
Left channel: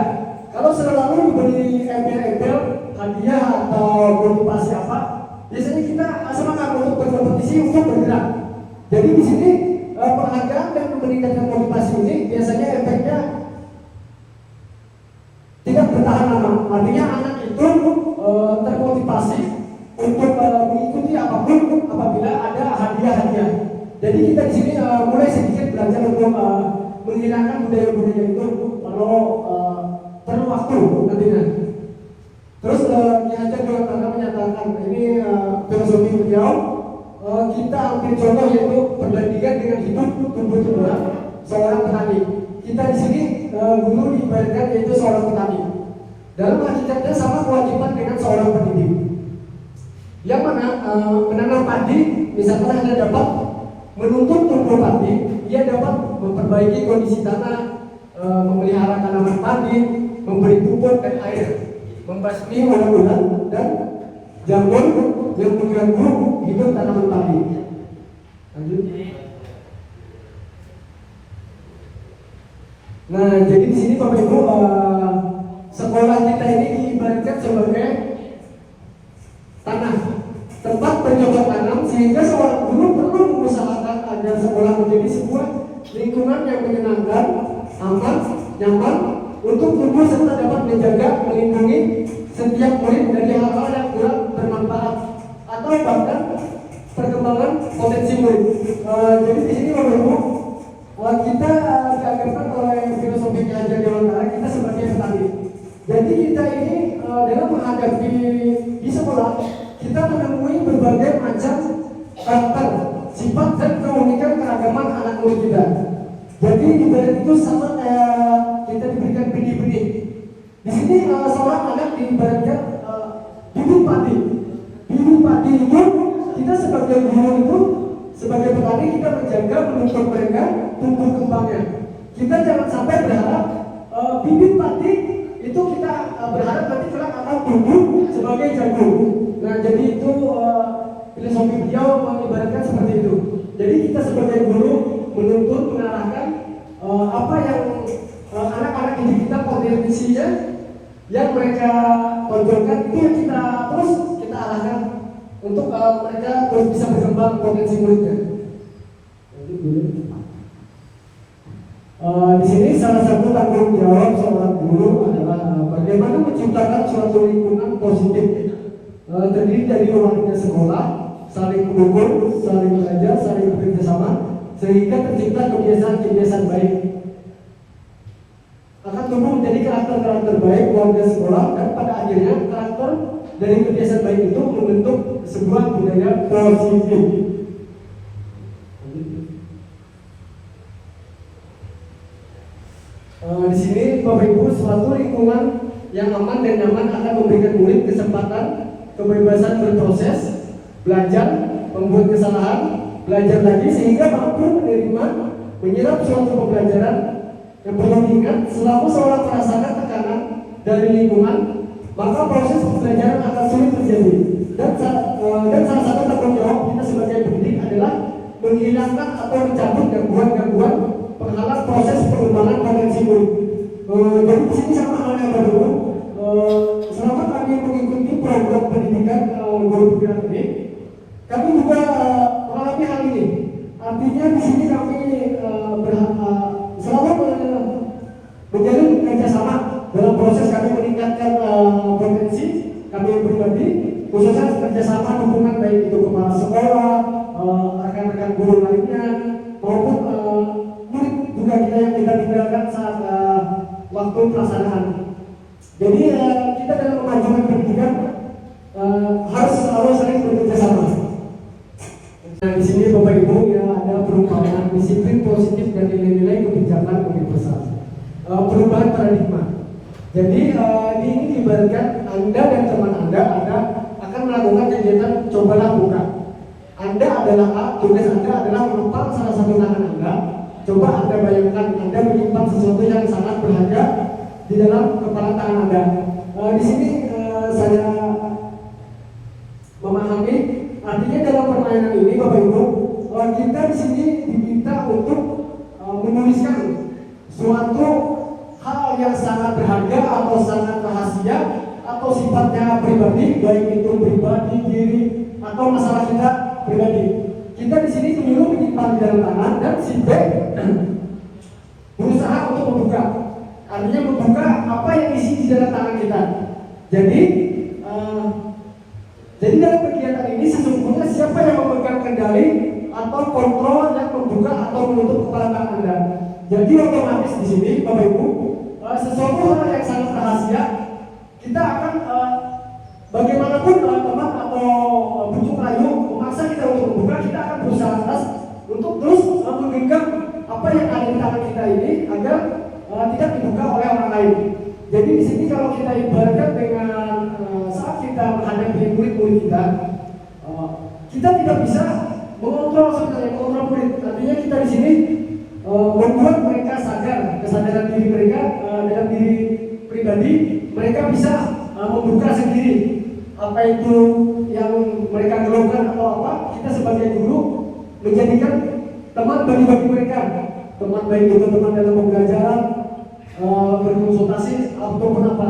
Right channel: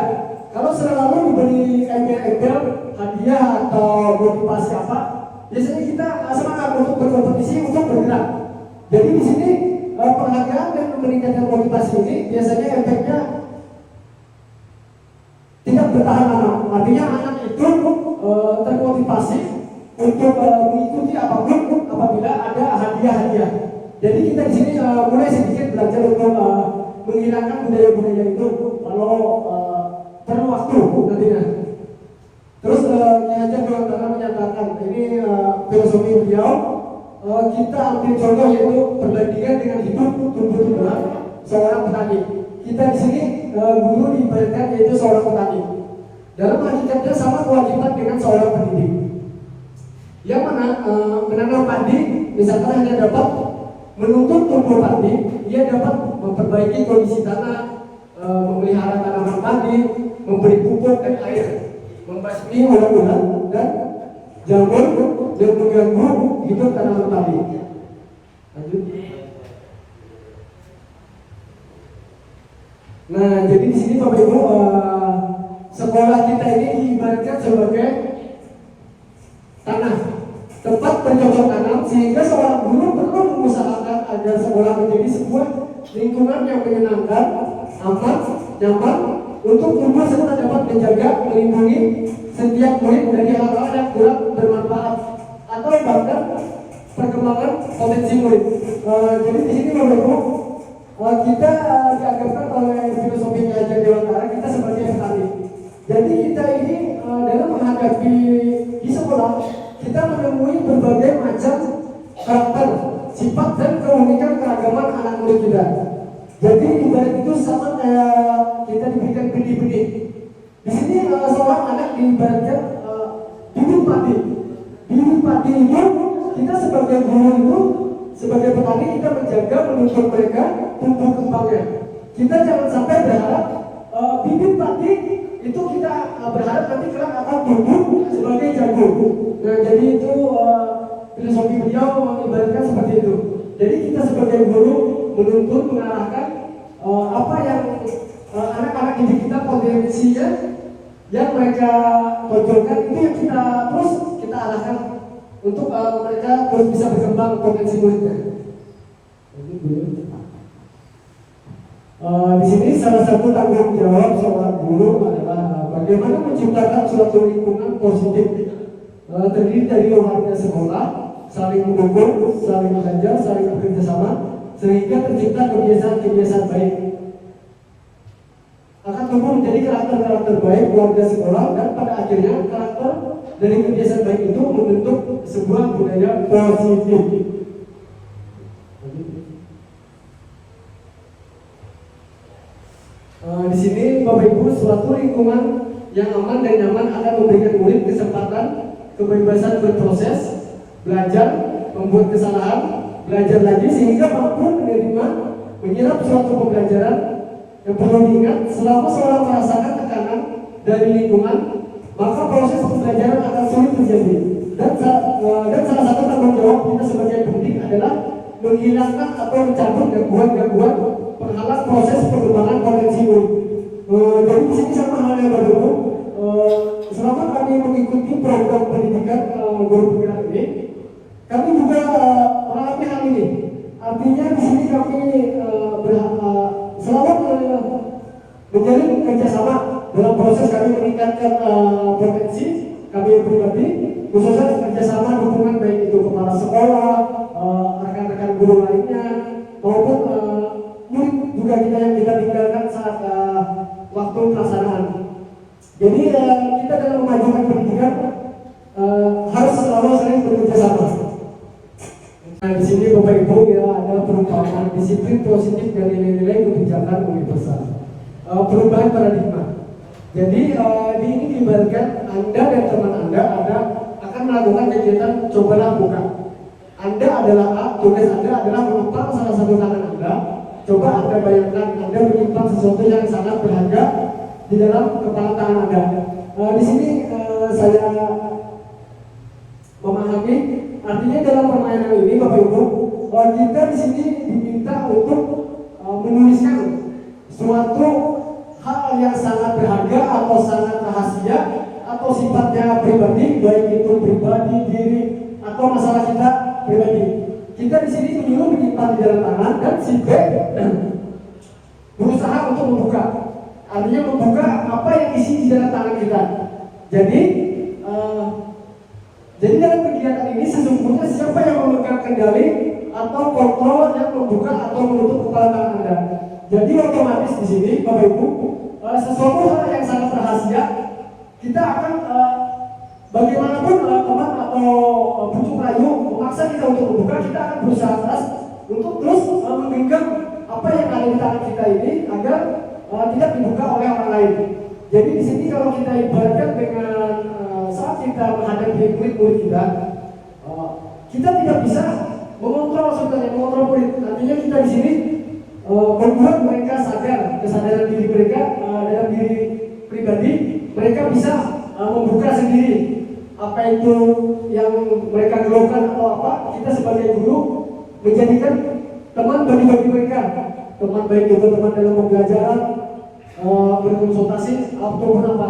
kalau selalu diberi embel-embel hadiah atau motivasi apa, biasanya kita semangat untuk berkompetisi untuk bergerak. Jadi di sini penghargaan dan meningkatkan motivasi ini biasanya efeknya tidak bertahan lama. Artinya anak itu termotivasi untuk mengikuti apapun apabila ada hadiah-hadiah. Jadi kita di sini mulai sedikit belajar untuk menghilangkan budaya-budaya itu kalau perlu waktu nantinya. Terus Ki Hajar juga akan menyatakan ini filosofi beliau. Kita ambil contoh yaitu perbandingan dengan hidup tumbuh-tumbuhan seorang petani. Kita di sini guru diibaratkan yaitu seorang petani. Dalam hakikatnya sama kewajiban dengan seorang pendidik. Yang mana menanam padi misalkan hanya dapat menuntut tumbuh padi, ia dapat memperbaiki kondisi tanah, memelihara tanaman padi, memberi pupuk dan air, membasmi ulat-ulat dan jamur yang mengganggu hidup tanaman padi. Lanjut. Nah, jadi di sini Bapak Ibu, sekolah kita ini diibaratkan sebagai tanah, tempat bercocok tanam, sehingga seorang guru perlu mengusahakan agar sekolah menjadi sebuah lingkungan yang menyenangkan, aman, nyaman untuk guru serta dapat menjaga, melindungi setiap murid dari hal-hal yang kurang bermanfaat atau bahkan perkembangan potensi murid. Jadi di sini Bapak Ibu, kita diajarkan oleh filosofi Ki Hajar Dewantara kita sebagai petani. Jadi kita ini dalam menghadapi di sekolah kita menemui berbagai macam karakter, sifat dan keunikan keragaman anak murid kita. Jadi ibarat itu sama kayak kita diberikan benih-benih. Di sini seorang anak diibaratkan bibit padi. Bibit padi itu kita menjaga menuntut mereka tumbuh kembangnya. Kita jangan sampai berharap bibit padi itu kita berharap nanti kelak akan tumbuh sebagai jagung. Nah, jadi itu filosofi beliau mengibaratkan seperti itu. Jadi kita sebagai guru menuntut mengarahkan apa yang anak-anak didik kita potensinya yang mereka tonjolkan, itu yang kita terus kita arahkan untuk mereka terus bisa berkembang potensi muridnya. Di sini salah satu tanggung jawab seorang guru adalah bagaimana menciptakan suatu lingkungan positif terdiri dari warga sekolah, saling mendukung, saling belajar, saling bekerja sama, sehingga tercipta kebiasaan-kebiasaan baik. Akan tumbuh menjadi karakter-karakter baik warga sekolah, dan pada akhirnya karakter dari kebiasaan baik itu membentuk sebuah budaya positif. Di sini Bapak Ibu, suatu lingkungan yang aman dan nyaman akan memberikan murid kesempatan kebebasan berproses, belajar, membuat kesalahan, belajar lagi sehingga mampu menerima, menyerap suatu pembelajaran. Yang perlu diingat, selama seorang merasakan tekanan dari lingkungan, maka proses pembelajaran akan sulit terjadi. Dan salah satu tanggung jawab kita sebagai pendidik adalah menghilangkan atau mencabut gangguan-gangguan penghalang proses pengembangan potensi murid. Jadi di sini sama halnya Bapak Ibu, selama kami mengikuti program pendidikan guru penggerak ini, kami juga mengalami hal ini. Artinya di sini kami selalu menjalin kerjasama dalam proses kami meningkatkan potensi kami pribadi, khususnya kerjasama dukungan baik itu kepala sekolah, rekan-rekan guru lainnya, maupun murid juga kita yang kita tinggalkan saat waktu pelaksanaan. Jadi kita dalam memajukan pendidikan harus selalu sering bekerja sama. Nah, di sini Bapak Ibu ya ada perubahan disiplin positif dan nilai-nilai kebijakan universal. Perubahan paradigma. Jadi ini ibaratkan Anda dan teman Anda akan melakukan kegiatan cobalah buka. Anda adalah A, tugas Anda adalah menumpang salah satu tangan Anda. Coba Anda bayangkan Anda menyimpan sesuatu yang sangat berharga di dalam kepala tangan Anda. Di sini saya memahami, artinya dalam permainan ini Bapak Ibu, kita di sini diminta untuk menuliskan suatu hal yang sangat berharga atau sangat rahasia atau sifatnya pribadi, baik itu pribadi diri atau masalah kita pribadi. Kita di sini menyuruh menyimpan di dalam tangan dan si B berusaha untuk membuka. Artinya membuka apa yang isi di dalam tangan kita. Jadi dalam kegiatan ini sesungguhnya siapa yang memegang kendali atau kontrol yang membuka atau menutup kepala tangan Anda. Jadi otomatis di sini Bapak Ibu, sesuatu hal yang sangat rahasia, kita akan bagaimanapun teman atau bujuk rayu memaksa kita untuk membuka, kita akan berusaha keras untuk terus menggenggam apa yang ada di tangan kita ini agar tidak dibuka oleh orang lain. Jadi di sini kalau kita ibaratkan dengan saat kita menghadapi murid-murid kita, kita tidak bisa mengontrol sebenarnya mengontrol murid. Artinya kita di sini membuat mereka sadar kesadaran diri mereka dalam diri pribadi, mereka bisa membuka sendiri apa itu yang mereka keluhkan atau apa. Kita sebagai guru menjadikan teman bagi mereka, teman baik itu teman dalam pembelajaran, berkonsultasi ataupun apa.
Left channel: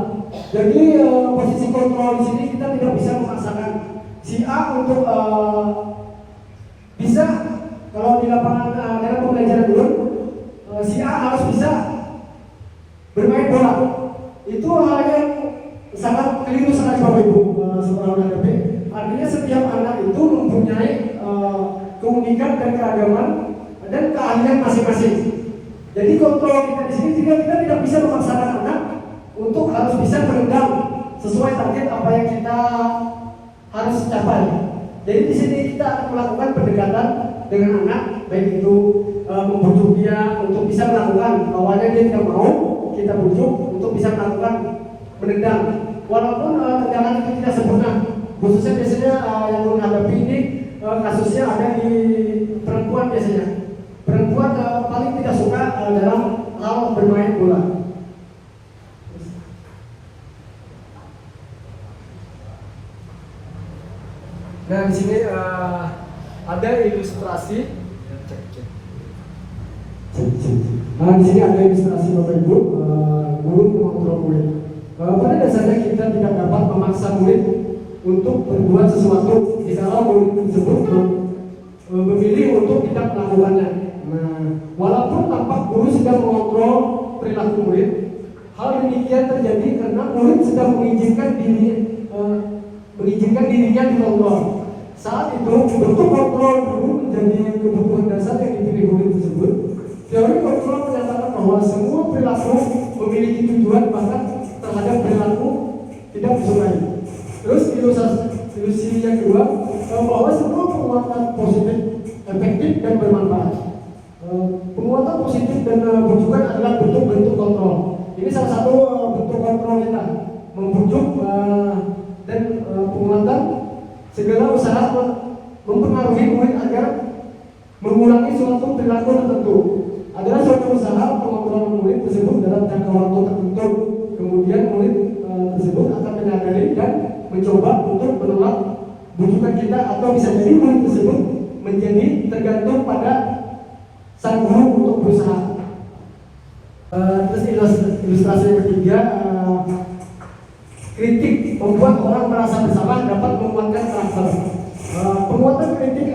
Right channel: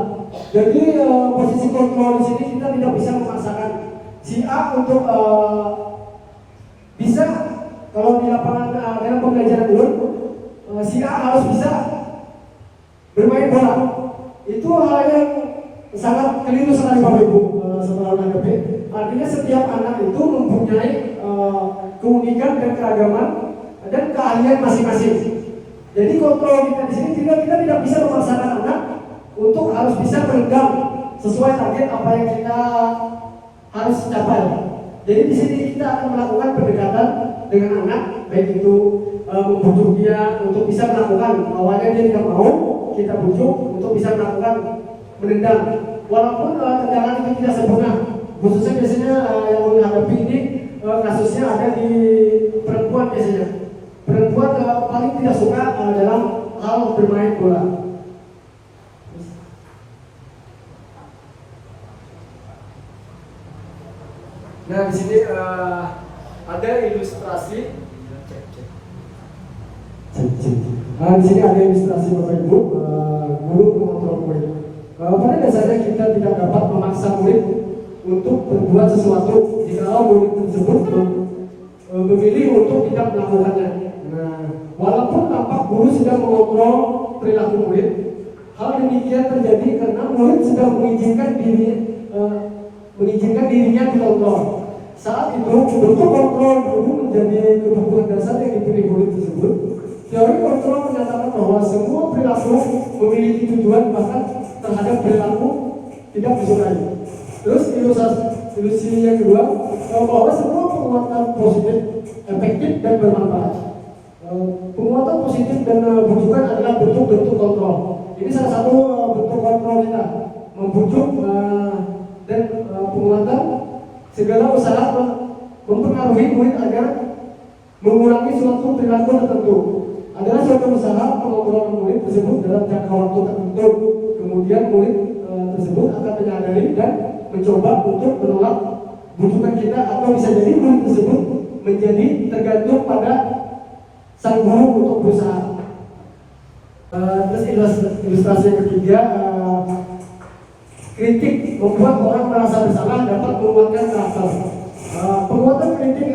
Jadi posisi kontrol di sini kita tidak bisa memaksakan si A untuk bisa, kalau di lapangan dalam pembelajaran dulu si A harus bisa bermain bola. Itu hal yang sangat keliru sekali Bapak Ibu setelah HDP. Artinya setiap anak itu mempunyai keunikan dan keragaman dan keahlian masing-masing. Jadi kontrol kita di sini kita tidak bisa memaksakan anak untuk harus bisa meredam sesuai target apa yang kita harus capai. Jadi di sini kita akan melakukan pendekatan dengan anak, baik itu membujuk dia untuk bisa melakukan, awalnya dia tidak mau, kita bujuk untuk bisa melakukan menendang. Walaupun tendangan itu tidak sempurna, khususnya biasanya yang menghadapi ini kasusnya ada di perempuan biasanya. perempuan paling tidak suka dalam hal bermain bola. Nah, di sini ada ilustrasi. Nah, di sini ada ilustrasi Bapak Ibu, guru mengontrol murid. Pada dasarnya kita tidak dapat memaksa murid untuk berbuat sesuatu jika murid tersebut memilih untuk tidak melakukannya. Nah, walaupun tampak guru sedang mengontrol perilaku murid, hal demikian terjadi karena murid sedang mengizinkan dirinya dikontrol. Saat itu bentuk kontrol guru menjadi kebutuhan dasar yang dipilih murid tersebut. Teori kontrol menyatakan bahwa semua perilaku memiliki tujuan bahkan terhadap perilaku tidak disukai. Terus ilustrasi yang kedua, bahwa semua penguatan positif, efektif dan bermanfaat. Penguatan positif dan bujukan adalah bentuk-bentuk kontrol. Ini salah satu bentuk kontrol kita, membujuk dan penguatan segala usaha mempengaruhi murid agar mengurangi suatu perilaku tertentu. Adalah suatu usaha pengontrolan murid tersebut dalam jangka waktu tertentu. Kemudian murid tersebut akan menyadari dan mencoba untuk menolak bujukan kita, atau bisa jadi murid tersebut menjadi tergantung pada sang guru untuk berusaha. Terus ilustrasi yang ketiga, kritik membuat orang merasa bersalah dapat menguatkan karakter. Penguatan kritik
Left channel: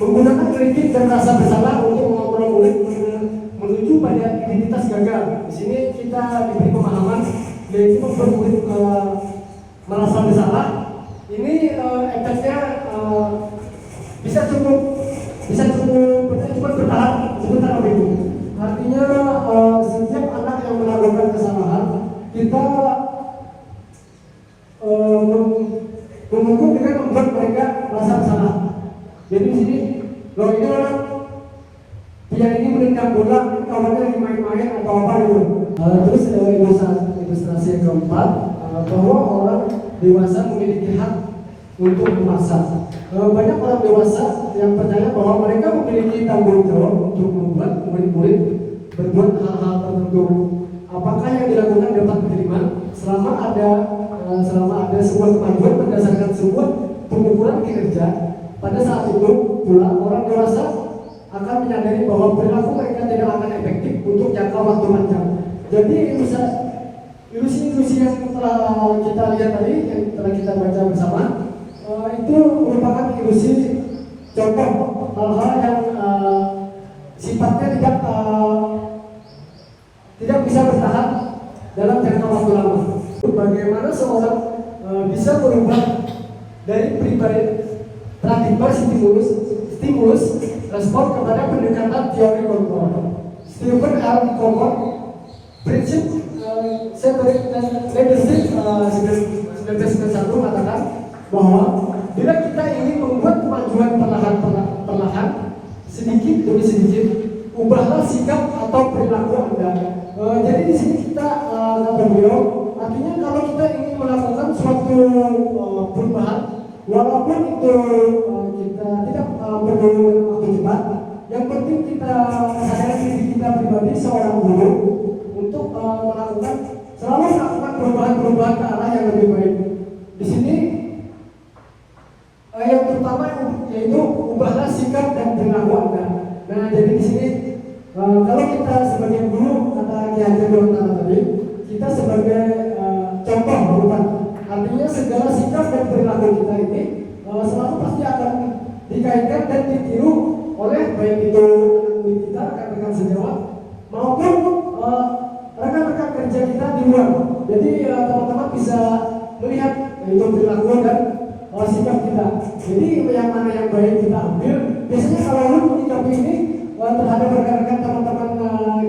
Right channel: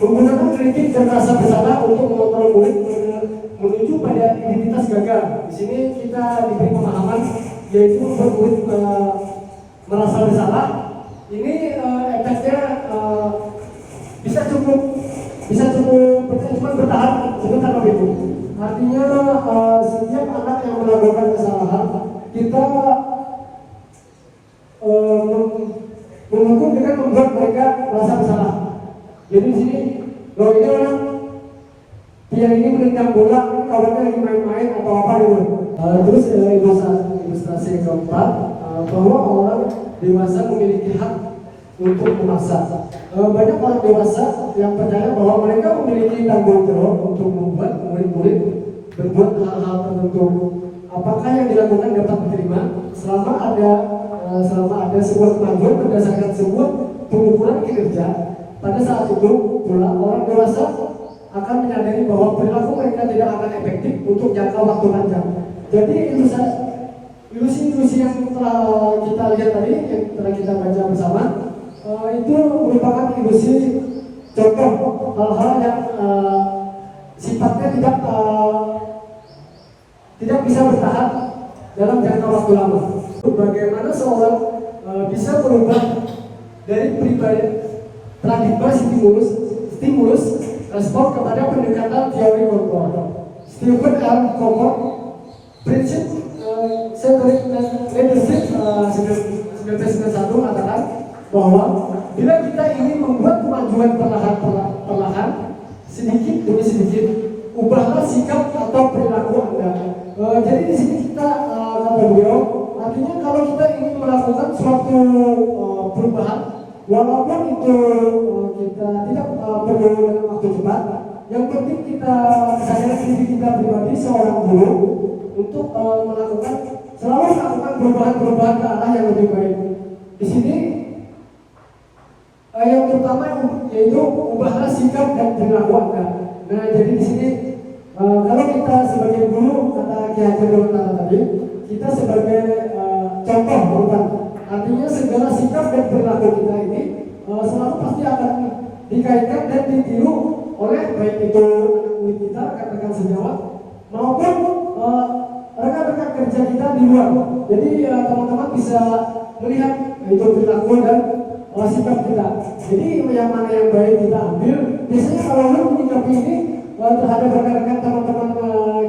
menggunakan kritik dan rasa bersalah untuk mengontrol murid menuju pada identitas gagal. Di sini kita diberi pemahaman yaitu membuat murid merasa bersalah. Ini efeknya bisa cukup bertahan sebentar lebih. Artinya setiap anak yang melakukan kesalahan kita menghukum dengan membuat mereka merasa bersalah. Jadi di sini, loh ini orang yang ini menendang bola, kawannya lagi main-main atau apa dulu. Terus ilustrasi yang keempat, bahwa orang dewasa memiliki hak untuk memaksa. Banyak orang dewasa yang percaya bahwa mereka memiliki tanggung jawab untuk membuat murid-murid berbuat hal-hal tertentu. Apakah yang dilakukan dapat diterima selama ada sebuah kemajuan berdasarkan sebuah pengukuran kinerja. Pada saat itu pula orang dewasa akan menyadari bahwa perilaku mereka tidak akan efektif untuk jangka waktu panjang. Jadi ilusi-ilusi yang telah kita lihat tadi, yang telah kita baca bersama, itu merupakan ilusi contoh hal-hal yang sifatnya tidak bisa bertahan dalam jangka waktu lama. Bagaimana seorang bisa berubah dari pribadi praktik stimulus respon kepada pendekatan teori kontrol. Stephen R. Covey, prinsip leadership 1991 mengatakan bahwa bila kita ingin membuat kemajuan perlahan sedikit demi sedikit, ubahlah sikap atau perilaku Anda. Jadi di sini kita kata beliau, artinya kalau kita ingin melakukan suatu perubahan, walaupun itu kita tidak perlu waktu cepat, yang penting kita sadar diri kita pribadi seorang guru untuk selalu melakukan perubahan ke arah yang lebih baik. Di sini yang terutama yaitu ubahlah sikap dan perilaku Anda. Nah, jadi di sini kalau kita sebagai guru kata Ki Hajar Dewantara tadi, kita sebagai contoh perubahan. Artinya segala sikap dan perilaku kita ini selalu pasti akan dikaitkan dan ditiru oleh baik itu murid kita, rekan-rekan sejawat, maupun rekan-rekan kerja kita di luar. Jadi teman-teman bisa melihat itu perilaku dan sikap kita. Jadi yang mana yang baik kita ambil. Biasanya kalau lu menyikapi ini terhadap rekan-rekan teman-teman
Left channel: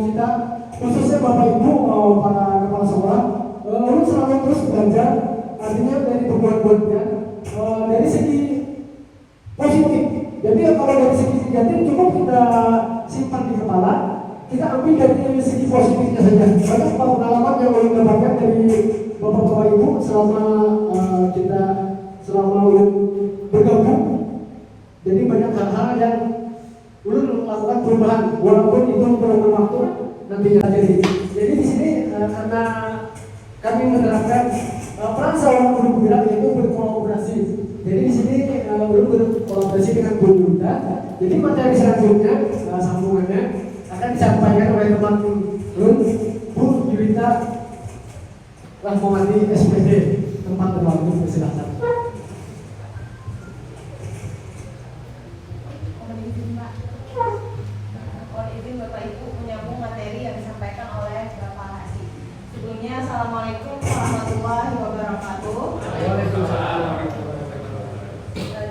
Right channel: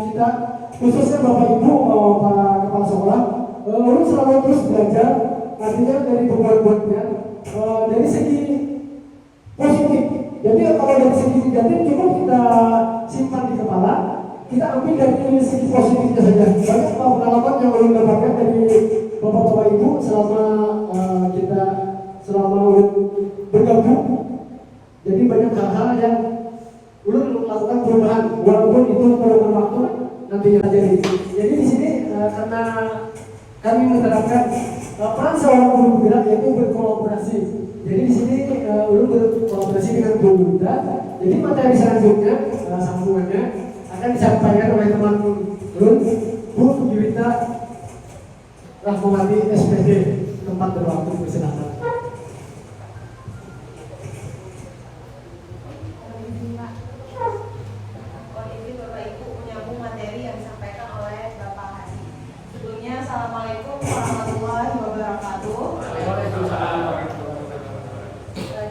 kita, khususnya Bapak Ibu, para kepala sekolah, lu selalu terus belajar. Artinya dari pembuat-buatnya dari segi positif. Jadi kalau dari segi negatif cukup kita simpan di kepala, kita ambil dari segi positifnya saja. Banyak pengalaman yang ulun dapatkan dari Bapak-Bapak Ibu selama ulun bergabung. Jadi banyak hal-hal yang ulun melakukan perubahan walaupun itu perlu waktu nantinya terjadi. Jadi di sini karena kami menerapkan peran seorang guru penggerak yaitu berkolaborasi. Jadi di sini guru berkolaborasi dengan guru kita. Jadi materi selanjutnya sambungannya akan disampaikan oleh teman Lun Bu Yuwita Rahmawati SPD. Tempat berwaktu bersilakan. Assalamualaikum warahmatullahi wabarakatuh.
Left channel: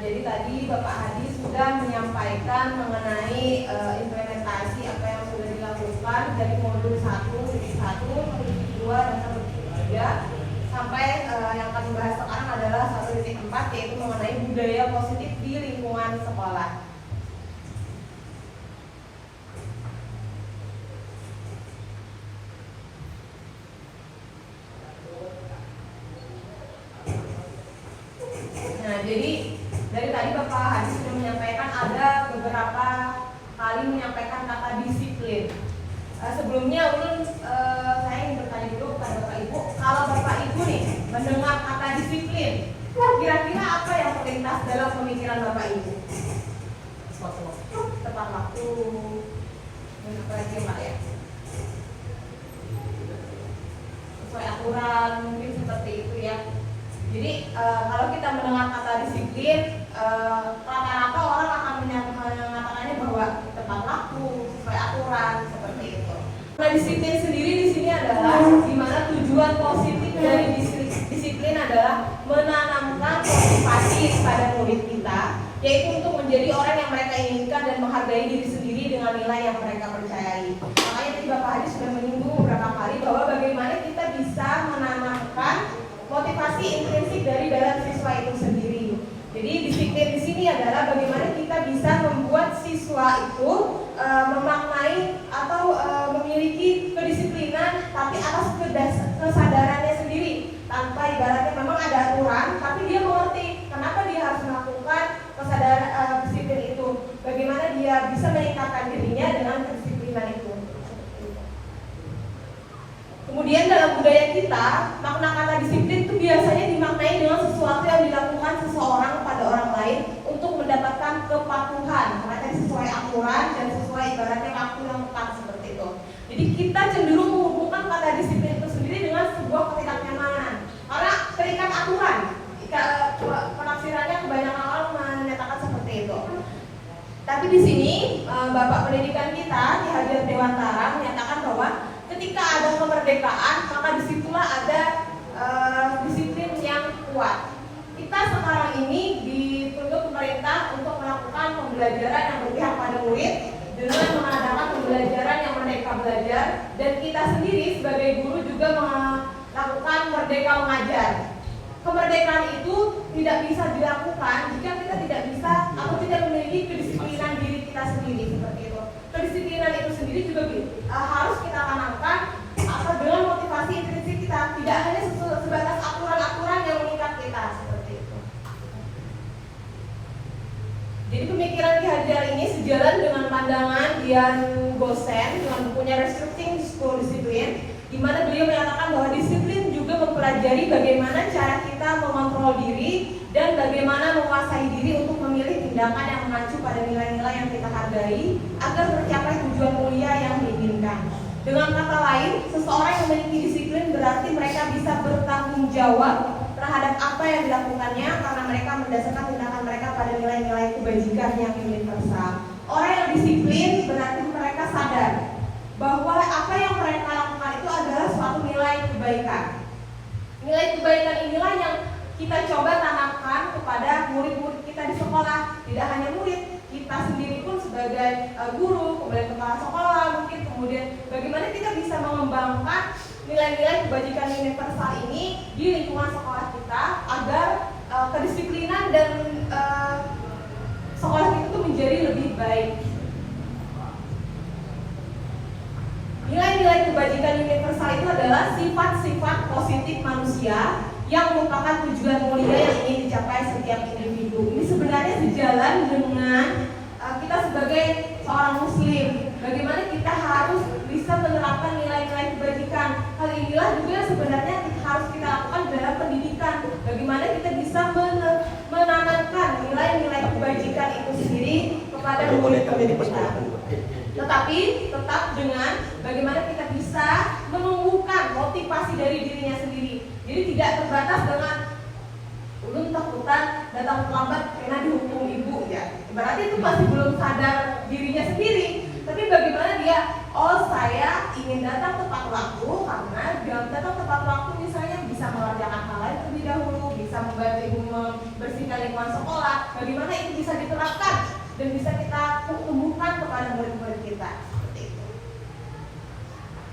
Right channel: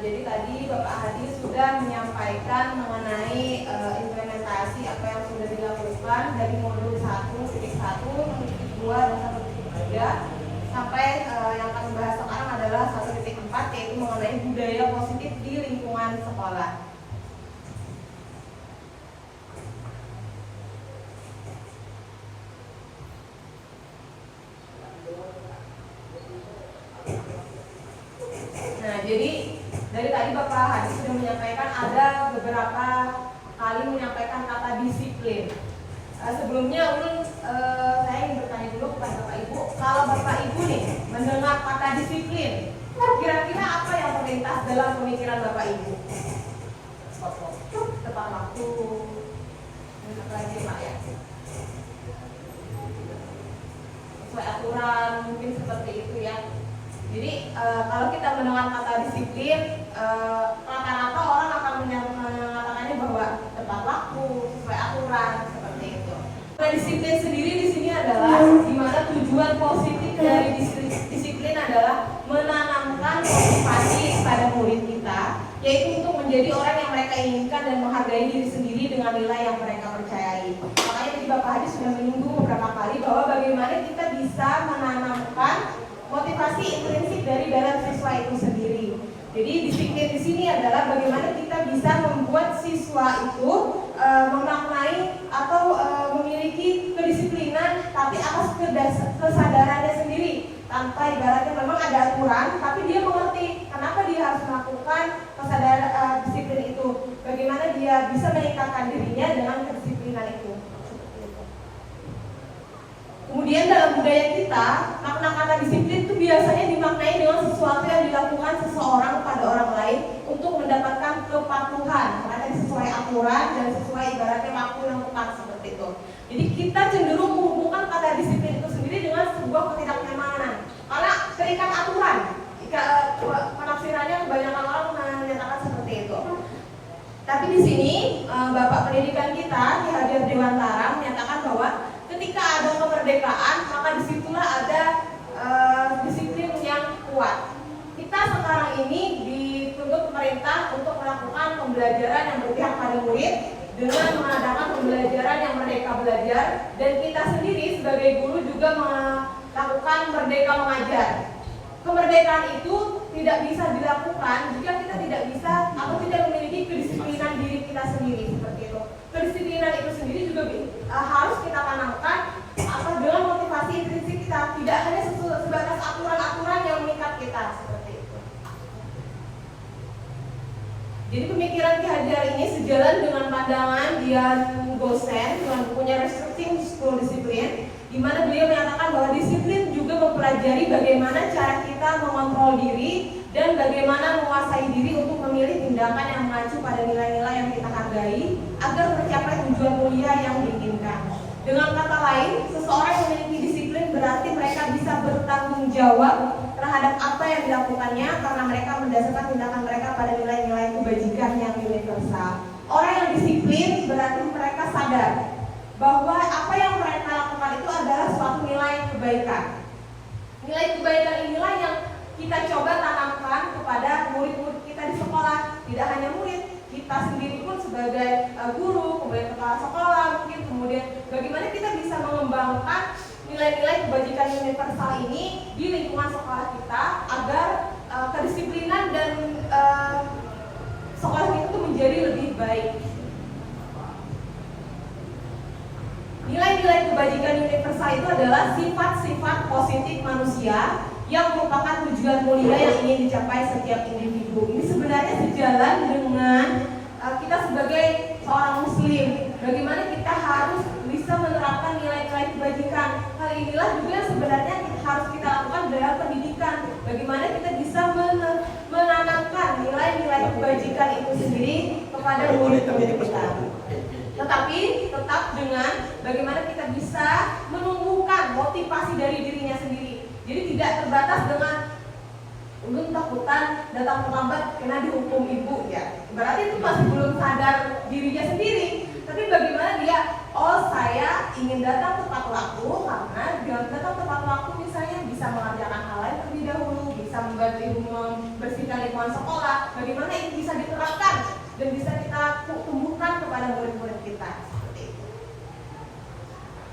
Jadi tadi Bapak Hadi sudah menyampaikan mengenai implementasi apa yang sudah dilakukan dari modul 1, titik 1, 2, dan 3 sampai yang kami bahas sekarang adalah 1.4 yaitu mengenai budaya positif di lingkungan sekolah. Jadi dari tadi Bapak Hadi sudah menyampaikan ada beberapa kali menyampaikan kata disiplin. Sebelumnya saya ingin bertanya dulu kepada Bapak Ibu, kalau Bapak Ibu nih mendengar kata disiplin, kira-kira apa yang terlintas dalam pemikiran Bapak Ibu? Tepat waktu, apa lagi Pak ya? Sesuai aturan mungkin seperti itu ya. Jadi kalau kita mendengar kata disiplin, rata-rata orang akan mengatakannya bahwa tepat waktu, sesuai aturan seperti itu. Nah, disiplin sendiri di sini adalah di mana tujuan positif dari disiplin adalah menanamkan motivasi pada murid kita, yaitu untuk menjadi orang yang mereka inginkan dan menghargai diri sendiri dengan nilai yang mereka percayai. Makanya tadi Bapak Hadi sudah menyinggung beberapa kali bahwa bagaimana kita bisa menanamkan motivasi intrinsik dari dalam siswa itu sendiri. Jadi disiplin di sini adalah bagaimana kita bisa membuat siswa itu memaknai atau memiliki kedisiplinan, tapi atas kesadarannya sendiri. Tanpa ibaratnya memang ada aturan, tapi dia mengerti kenapa dia harus melakukan kesadaran disiplin itu. Bagaimana dia bisa meningkatkan dirinya dengan kedisiplinan itu. Kemudian dalam budaya kita, makna kata disiplin itu biasanya dimaknai dengan sesuatu yang dilakukan seseorang pada orang lain untuk mendapatkan kepatuhan, karena sesuai aturan dan sesuai ibaratnya waktu yang tepat seperti itu. Jadi kita cenderung menghubungkan kata disiplin itu sendiri dengan sebuah ketidaknyamanan, karena terikat aturan. Penafsirannya kebanyakan orang menyatakan seperti itu. Tapi di sini Bapak Pendidikan kita, Ki Hajar Dewantara menyatakan bahwa ketika ada kemerdekaan, maka disitulah ada disiplin yang kuat. Kita sekarang ini dituntut pemerintah untuk melakukan pembelajaran yang berpihak pada murid dengan mengadakan pembelajaran yang merdeka belajar, dan kita sendiri sebagai guru juga melakukan merdeka mengajar. Kemerdekaan itu tidak bisa dilakukan jika kita tidak bisa atau tidak memiliki kedisiplinan diri kita sendiri seperti itu. Kedisiplinan itu sendiri juga harus kita tanamkan atau dengan motivasi intrinsik kita, tidak hanya sebatas aturan-aturan yang mengikat kita seperti itu. Jadi pemikiran Ki Hajar ini sejalan dengan pandangan Dian Gosen dengan bukunya Restricting School Discipline, di mana beliau menyatakan bahwa disiplin juga mempelajari bagaimana cara kita mengontrol diri dan bagaimana menguasai diri untuk memilih tindakan yang mengacu pada nilai-nilai yang kita hargai agar mencapai tujuan mulia yang diinginkan. Dengan kata lain, seseorang yang memiliki disiplin berarti mereka bisa bertanggung jawab terhadap apa yang dilakukannya karena mereka mendasarkan tindakan mereka pada nilai-nilai kebajikan yang universal. Orang yang disiplin berarti mereka sadar bahwa apa yang mereka lakukan itu adalah suatu nilai kebaikan. Nilai kebaikan inilah yang kita coba tanamkan kepada murid-murid kita di sekolah. Tidak hanya murid, kita sendiri pun sebagai guru, kemudian kepala sekolah mungkin, kemudian bagaimana kita bisa mengembangkan nilai-nilai kebajikan universal ini di lingkungan sekolah kita agar kedisiplinan dan sekolah itu menjadi lebih baik. Nilai-nilai kebajikan universal itu adalah sifat-sifat positif manusia yang merupakan tujuan mulia yang ingin dicapai setiap individu. Ini sebenarnya sejalan dengan kita sebagai seorang muslim. Bagaimana kita harus bisa menerapkan nilai-nilai kebajikan. Hal inilah juga sebenarnya harus kita lakukan dalam pendidikan. Bagaimana kita bisa menanamkan nilai-nilai kebajikan itu sendiri kepada murid-murid kita. Tetapi tetap dengan bagaimana kita bisa menumbuhkan motivasi dari dirinya sendiri. Jadi tidak terbatas dengan ulun takutan datang terlambat karena dihukum ibu ya. Berarti itu masih belum sadar dirinya sendiri. Tapi bagaimana dia, oh saya ingin datang tepat waktu karena dengan datang tepat waktu misalnya bisa mengerjakan hal lain terlebih dahulu, bisa membantu ibu membersihkan lingkungan sekolah. Bagaimana itu bisa diterapkan dan bisa kita tumbuhkan kepada murid-murid kita. Seperti itu.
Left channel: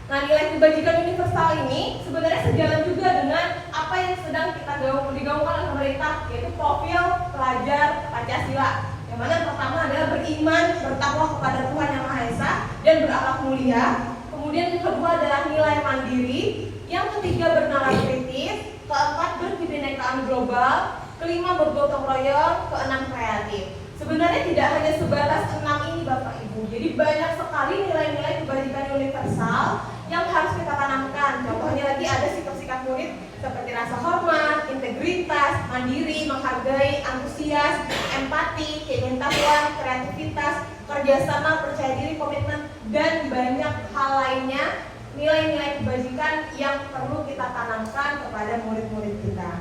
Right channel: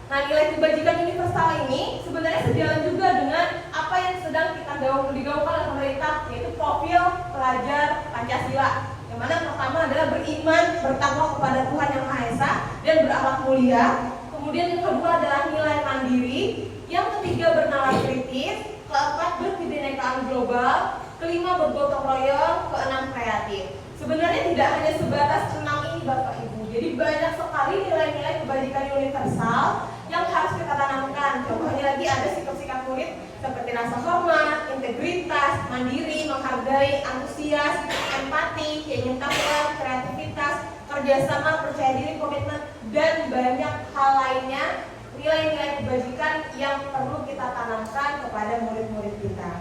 Nah, nilai kebajikan universal ini sebenarnya sejalan juga dengan apa yang sedang kita digaungkan oleh pemerintah, yaitu profil pelajar Pancasila. Yang mana yang pertama adalah beriman, bertakwa kepada Tuhan Yang Maha Esa dan berakhlak mulia. Kemudian yang kedua adalah nilai mandiri. Yang ketiga bernalar kritis. Keempat berkebinekaan global. Kelima bergotong royong. Keenam kreatif. Sebenarnya tidak hanya sebatas 6 ini Bapak Ibu. Jadi banyak sekali nilai-nilai kebajikan universal yang harus kita tanamkan. Contohnya lagi ada sikap-sikap murid seperti rasa hormat, integritas, mandiri, menghargai, antusias, empati, keingintahuan, kreativitas, kerjasama, percaya diri, komitmen, dan banyak hal lainnya. Nilai-nilai kebajikan yang perlu kita tanamkan kepada murid-murid kita.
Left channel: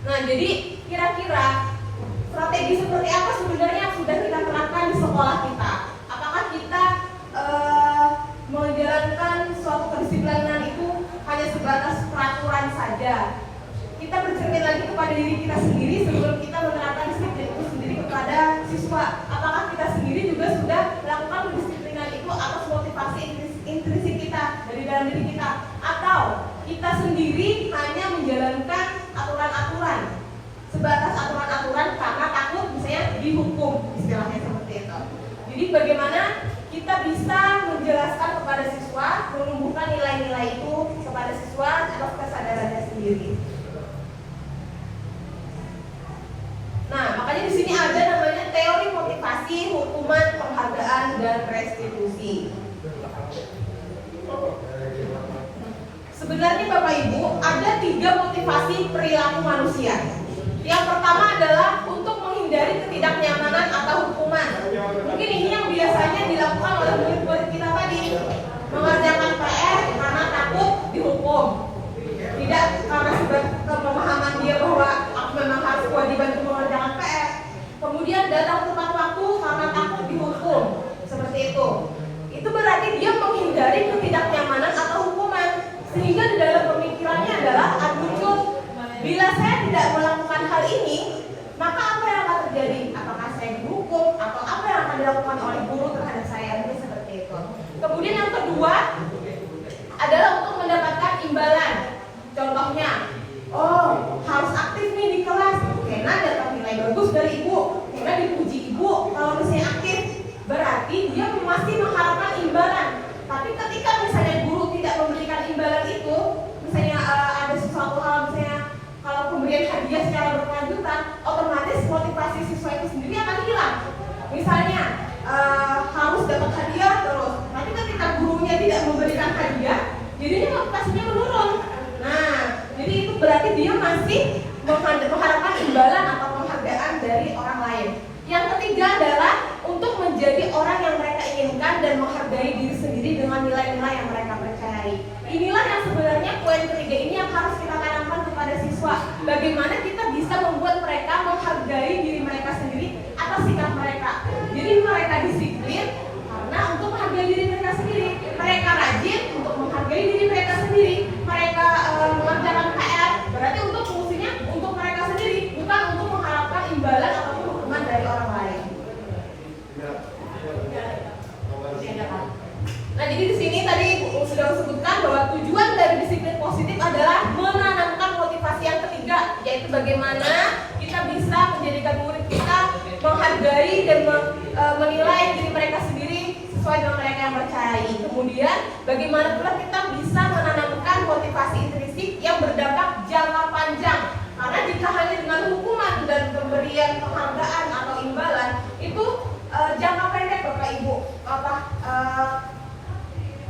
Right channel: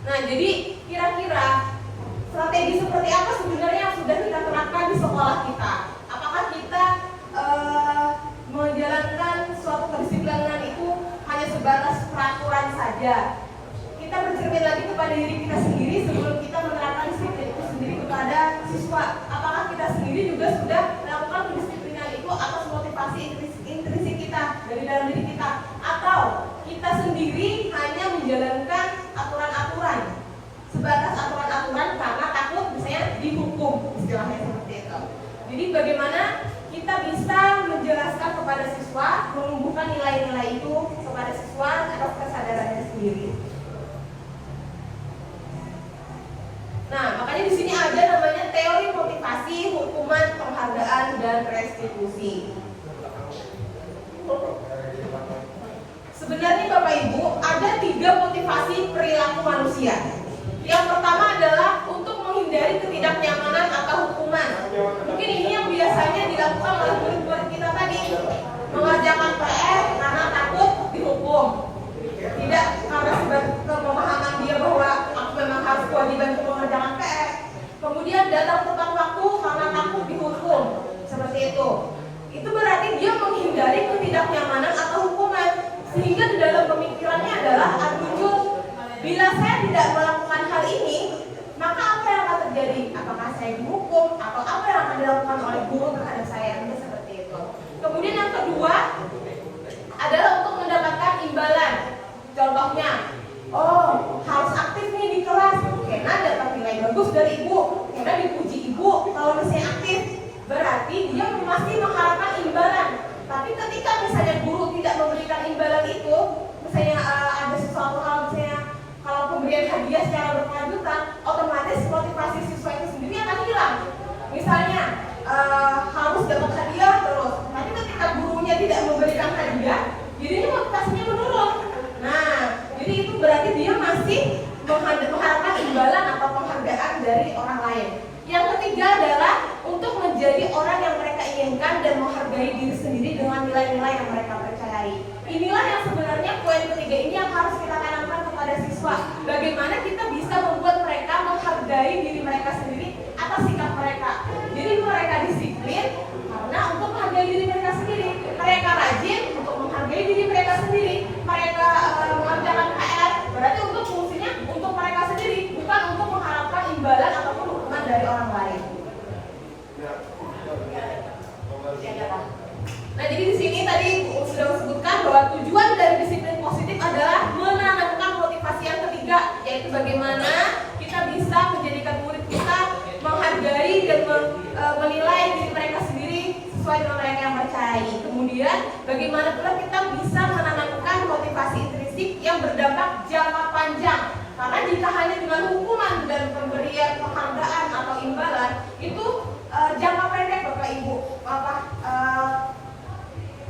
Nah, jadi kira-kira strategi seperti apa sebenarnya yang sudah kita terapkan di sekolah kita? Apakah kita menjalankan suatu kedisiplinan itu hanya sebatas peraturan saja? Kita bercermin lagi kepada diri kita sendiri sebelum kita menerapkan disiplin itu sendiri kepada siswa. Apakah kita sendiri juga sudah melakukan kedisiplinan itu atas motivasi intrinsik kita dari dalam diri kita? Atau kita sendiri hanya menjalankan aturan-aturan sebatas aturan-aturan karena takut misalnya dihukum, istilahnya seperti itu. Jadi bagaimana kita bisa menjelaskan kepada siswa, menumbuhkan nilai-nilai itu kepada siswa atas kesadarannya sendiri. Nah, makanya di sini ada namanya teori motivasi, hukuman, penghargaan, dan restitusi. Sebenarnya Bapak Ibu ada 3 motivasi perilaku manusia. Yang pertama adalah untuk menghindari ketidaknyamanan atau hukuman. Mungkin ini yang biasanya dilakukan oleh murid-murid kita tadi, mengerjakan PR karena takut dihukum, tidak karena sebagai pemahaman dia bahwa aku memang harus kewajiban untuk mengerjakan PR. Kemudian datang tepat waktu karena takut dihukum, seperti itu. Itu berarti dia menghindari ketidaknyamanan atau hukuman. Sehingga di dalam pemikirannya adalah muncul, bila saya tidak melakukan hal ini, maka apa yang akan terjadi? Apakah saya dihukum atau apa yang akan dilakukan oleh guru terhadap saya? Ini seperti itu. Kemudian yang kedua adalah untuk mendapatkan imbalan. Contohnya, oh harus aktif nih di kelas, karena dapat nilai bagus dari ibu, karena dipuji ibu kalau misalnya aktif, berarti dia masih mengharapkan imbalan. Tapi ketika misalnya guru tidak memberikan imbalan itu, misalnya ada sesuatu hal, misalnya kalau pemberian hadiah secara berkelanjutan, otomatis motivasi siswa itu sendiri akan hilang. Misalnya harus dapat hadiah terus, tapi ketika gurunya tidak memberikan hadiah, jadinya motivasinya menurun. Nah, jadi itu berarti dia masih mengharapkan imbalan atau penghargaan dari orang lain. Yang ketiga adalah untuk menjadi orang yang mereka inginkan dan menghargai diri sendiri dengan nilai-nilai yang mereka percayai. Inilah yang sebenarnya poin ketiga ini yang harus kita tanamkan kepada siswa. Bagaimana kita bisa membuat mereka menghargai diri mereka sendiri atas sikap mereka. Jadi mereka disiplin karena untuk menghargai diri mereka sendiri. Mereka rajin untuk menghargai diri mereka sendiri. Mereka mengerjakan PR berarti untuk fungsinya untuk mereka sendiri, bukan untuk mengharapkan imbalan atau hukuman dari orang lain. Nah, jadi di sini tadi sudah disebutkan bahwa tujuan dari disiplin positif adalah menanamkan motivasi yang ketiga, yaitu bagaimana kita bisa menjadikan murid kita menghargai dan menilai diri mereka sendiri sesuai dengan mereka yang percayai. Kemudian bagaimana pula kita bisa menanamkan motivasi intrinsik yang berdampak jangka panjang. Karena jika hanya dengan hukuman dan pemberian penghargaan atau imbalan itu jangka pendek Bapak Ibu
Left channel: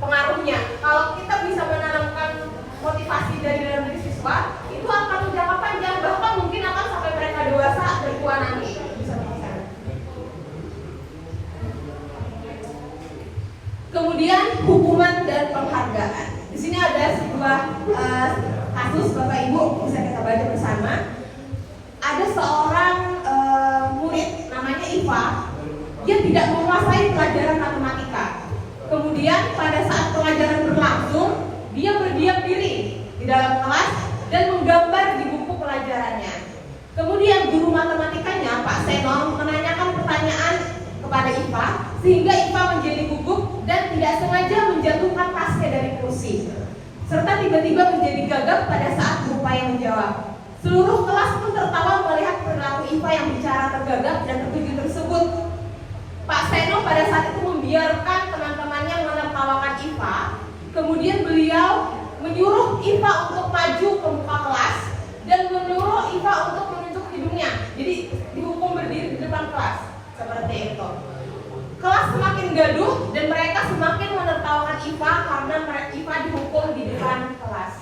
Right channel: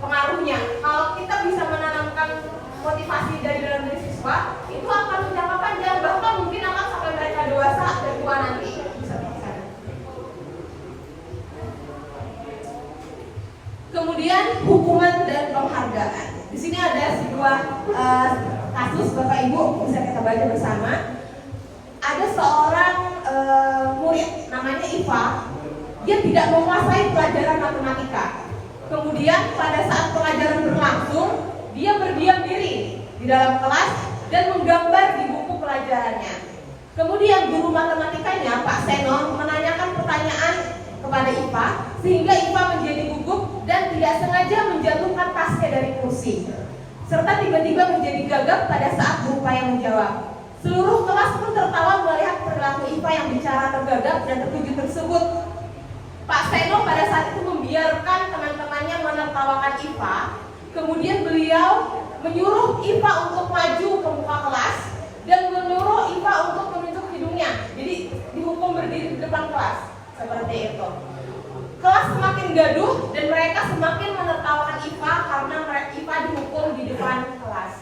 pengaruhnya. Kalau kita bisa menanamkan motivasi dari dalam diri siswa, itu akan jangka panjang, bahkan mungkin akan sampai mereka dewasa atau tua nanti. Kemudian hukuman dan penghargaan. Di sini ada sebuah kasus Bapak Ibu, bisa kita baca bersama. Ada seorang murid namanya Iva, dia tidak menguasai pelajaran matematika. Kemudian pada saat pelajaran berlangsung, dia berdiam diri di dalam kelas dan menggambar di buku pelajarannya. Kemudian guru matematikanya, Pak Senon, menanyakan pertanyaan kepada Iva, sehingga Iva menjadi gugup dan tidak sengaja menjatuhkan tasnya dari kursi, serta tiba-tiba menjadi gagap pada saat berupaya menjawab. Seluruh kelas pun tertawa melihat perilaku Iva yang bicara tergagap dan terkejut tersebut. Pak Seno pada saat itu membiarkan teman-temannya menertawakan Iva. Kemudian beliau menyuruh Iva untuk maju ke muka kelas dan menyuruh Iva untuk menunjuk hidungnya. Jadi dihukum berdiri di depan kelas seperti itu. Kelas semakin gaduh dan mereka semakin menertawakan Iva karena Iva dihukum di depan kelas.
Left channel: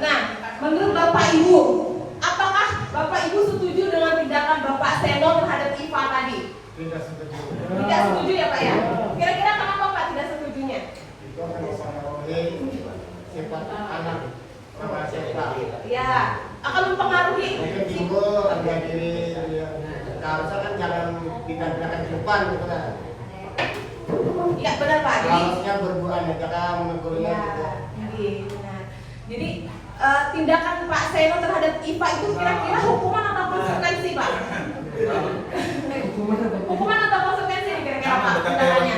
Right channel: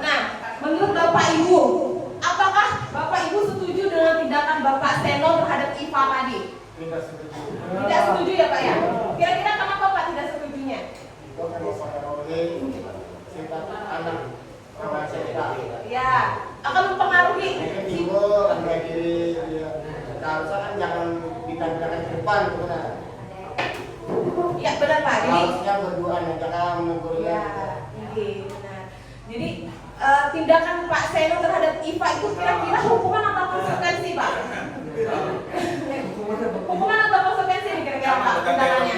Nah, menurut Bapak Ibu, apakah Bapak Ibu setuju dengan tindakan Bapak Seno terhadap Iva tadi? Tidak setuju. Tidak setuju ya Pak ya? Kira-kira kenapa Pak tidak setujunya? Itu akan mempengaruhi sifat anak SMK. Ya, akan mempengaruhi. Mungkin dulu harga diri seharusnya kan jangan kita gerakan ke depan gitu kan. Iya benar Pak. Jadi Harusnya berduaan ya, jangan menggurui ya, gitu. benar. Jadi tindakan Pak Seno terhadap Iva itu kira-kira hukuman atau konsekuensi Pak? Hukuman atau konsekuensi nih kira-kira Pak tindakannya?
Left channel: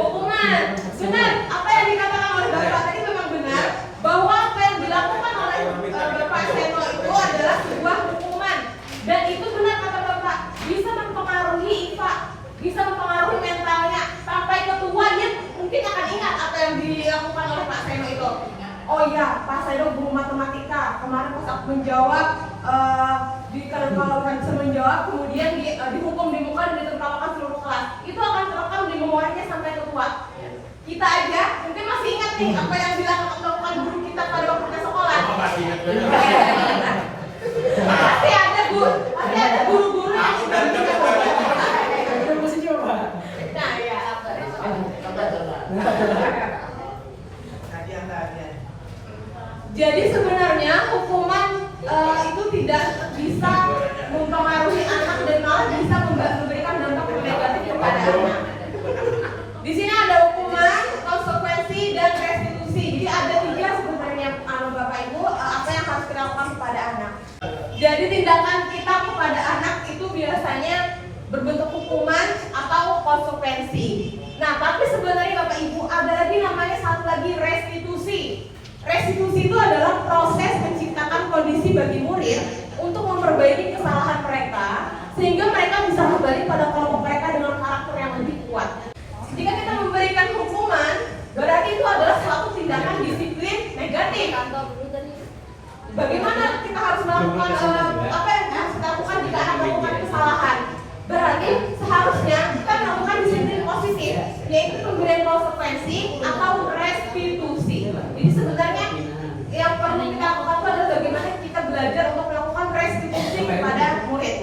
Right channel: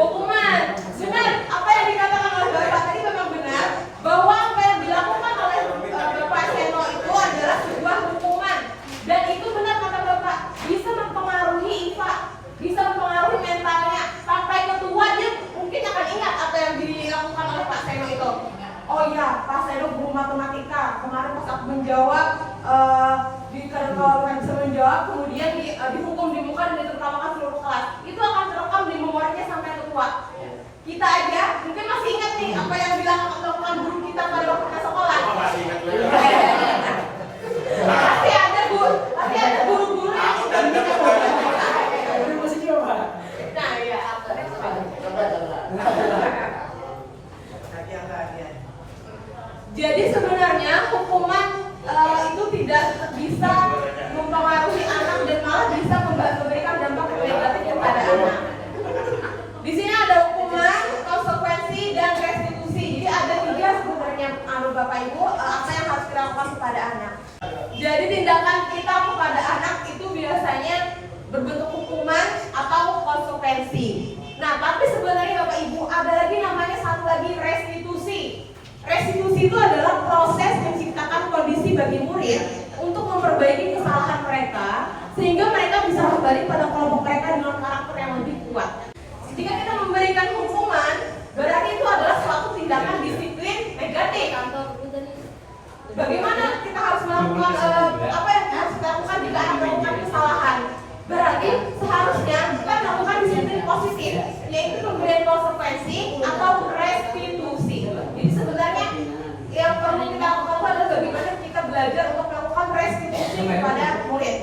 Hukuman. Benar, apa yang dikatakan oleh Bapak tadi memang benar, bahwa apa yang dilakukan oleh Bapak Seno itu adalah sebuah hukuman. Dan itu benar kata Bapak, bisa mempengaruhi Iva, bisa mempengaruhi mentalnya. Sampai ketua dia mungkin akan ingat apa yang dilakukan oleh Pak Seno itu. Oh iya, Pak Seno guru matematika. Kemarin pas aku menjawab, ditertawakan bisa menjawab, kemudian dihukum di muka dan ditertawakan seluruh kelas. Itu akan terekam di memorinya sampai tua. Kita aja mungkin masih ingat nih apa yang dilakukan guru kita pada waktu kita sekolah. Pasti ada guru-guru yang sudah nah ya apa? Jadi sebenarnya hukuman itu tidak bisa mempengaruhi anak dan malah bisa memberikan dampak negatif kepada anak. Di sini ada hukuman, konsekuensi, dan restitusi. Jadi ada 3 sebenarnya Bapak Ibu apa yang harus dilakukan kepada anak. Jadi tindakan kita kepada anak itu biasanya berbentuk hukuman atau konsekuensi. Nah, tapi sebenarnya Bapak Ibu ada lagi namanya satu lagi restitusi. Restitusi itu adalah proses menciptakan kondisi bagi murid untuk memperbaiki kesalahan mereka sehingga mereka bisa kembali pada kelompok mereka dengan karakter yang lebih kuat. Jika kita memberikan hukuman, berarti itu adalah suatu tindakan disiplin negatif. Bagaimana kita harus melakukan apa yang harus kita lakukan jika anak melakukan kesalahan? Berarti seharusnya kita melakukan disiplin positif, yaitu pemberian konsekuensi atau restitusi. Jadi sebenarnya yang perlu kita lakukan adalah bagaimana kita belajar untuk melakukan restitusi kepada murid.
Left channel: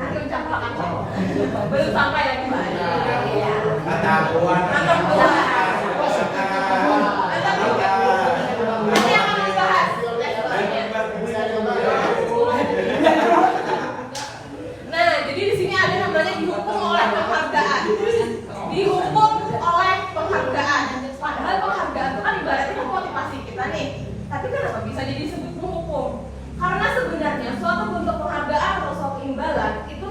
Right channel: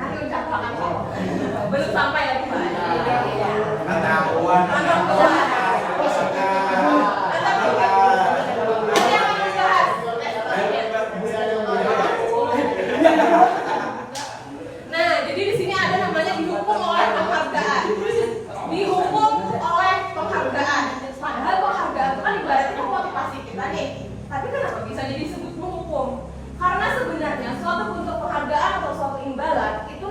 Nanti ucapkan belum sampai lagi. Nah, jadi di sini ada namanya dihukum oleh penghargaan. Dihukum oleh penghargaan. Padahal penghargaan itu kan ibaratnya motivasi kita nih. Tapi kenapa bisa jadi disebut menghukum? Karena sebenarnya suatu bentuk penghargaan atau suatu imbalan itu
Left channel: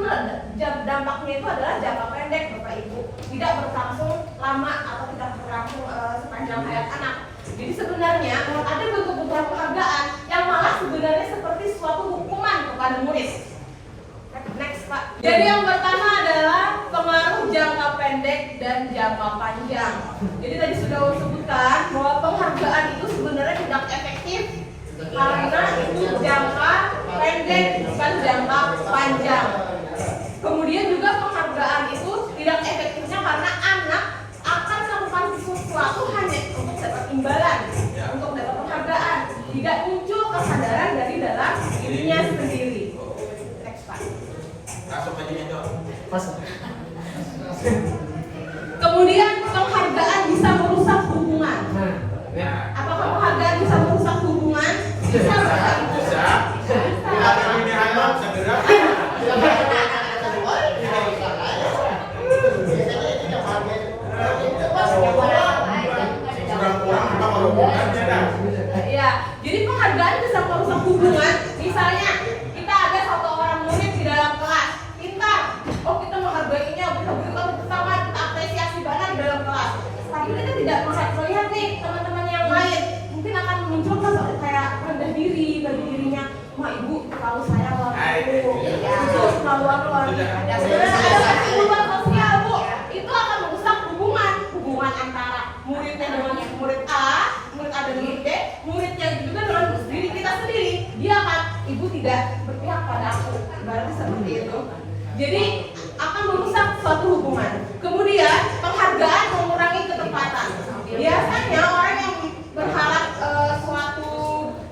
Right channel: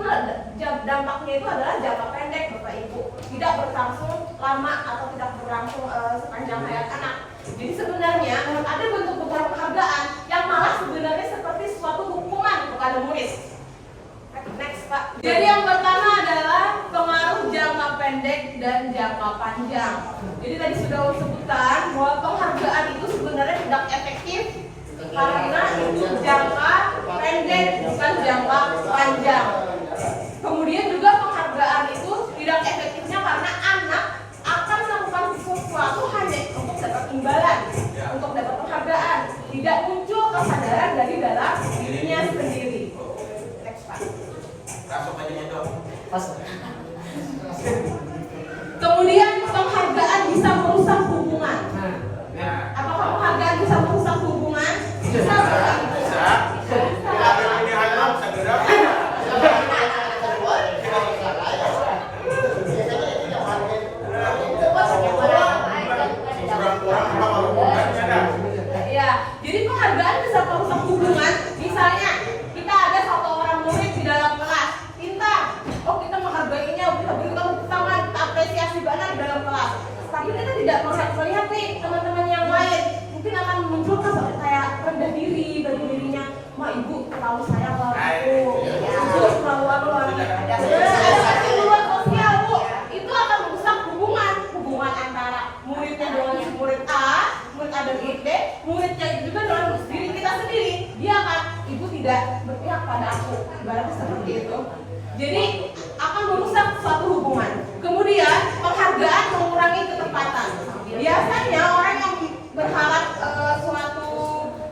dampaknya itu adalah jangka pendek Bapak Ibu, tidak berlangsung lama atau tidak berlangsung sepanjang hayat anak. Jadi sebenarnya ada bentuk-bentuk penghargaan yang malah sebenarnya seperti suatu hukuman kepada murid. Next Pak. Jadi yang pertama adalah pengaruh jangka pendek pendek, dan jangka panjang. Jadi tadi sudah sebutkan bahwa penghargaan itu sebenarnya tidak efektif karena itu jangka pendek bukan jangka panjang. Kemudian juga penghargaan itu tidak efektifnya karena anak akan melakukan sesuatu hanya untuk dapat imbalan, untuk dapat penghargaan, tidak muncul kesadaran dari dalam dirinya sendiri. Next slide. Kemudian penghargaan bisa merusak hubungan. Apakah penghargaan bisa merusak hubungan? Bisa. Ya, jadi penghargaan bisa merusak hubungan. Misalnya kita ada satu orang murid di dalam kelas, pintar, kita menghargainya, kita berikan bersama, kita apresiasi banget di dalam kelas. Tapi kita tidak melihat nih teman-teman yang lain, mungkin akan muncul kayak rendah diri bagi dirinya. Wah, ibu terlalu sayang lah, ibu terlalu apa lagi? Ada kesimpulan sosial, bu, itu akan merusak hubungan antara muridnya dengan si murid A, murid A dan murid B, muridnya juga dengan diri kita sendiri. Dia akan, ibu tidak berpihak pada aku, ibaratnya seperti itu. Jadi akan merusak suatu hubungan. Kemudian penghargaan mengurangi ketepatan. Biasanya orang yang berharap suatu,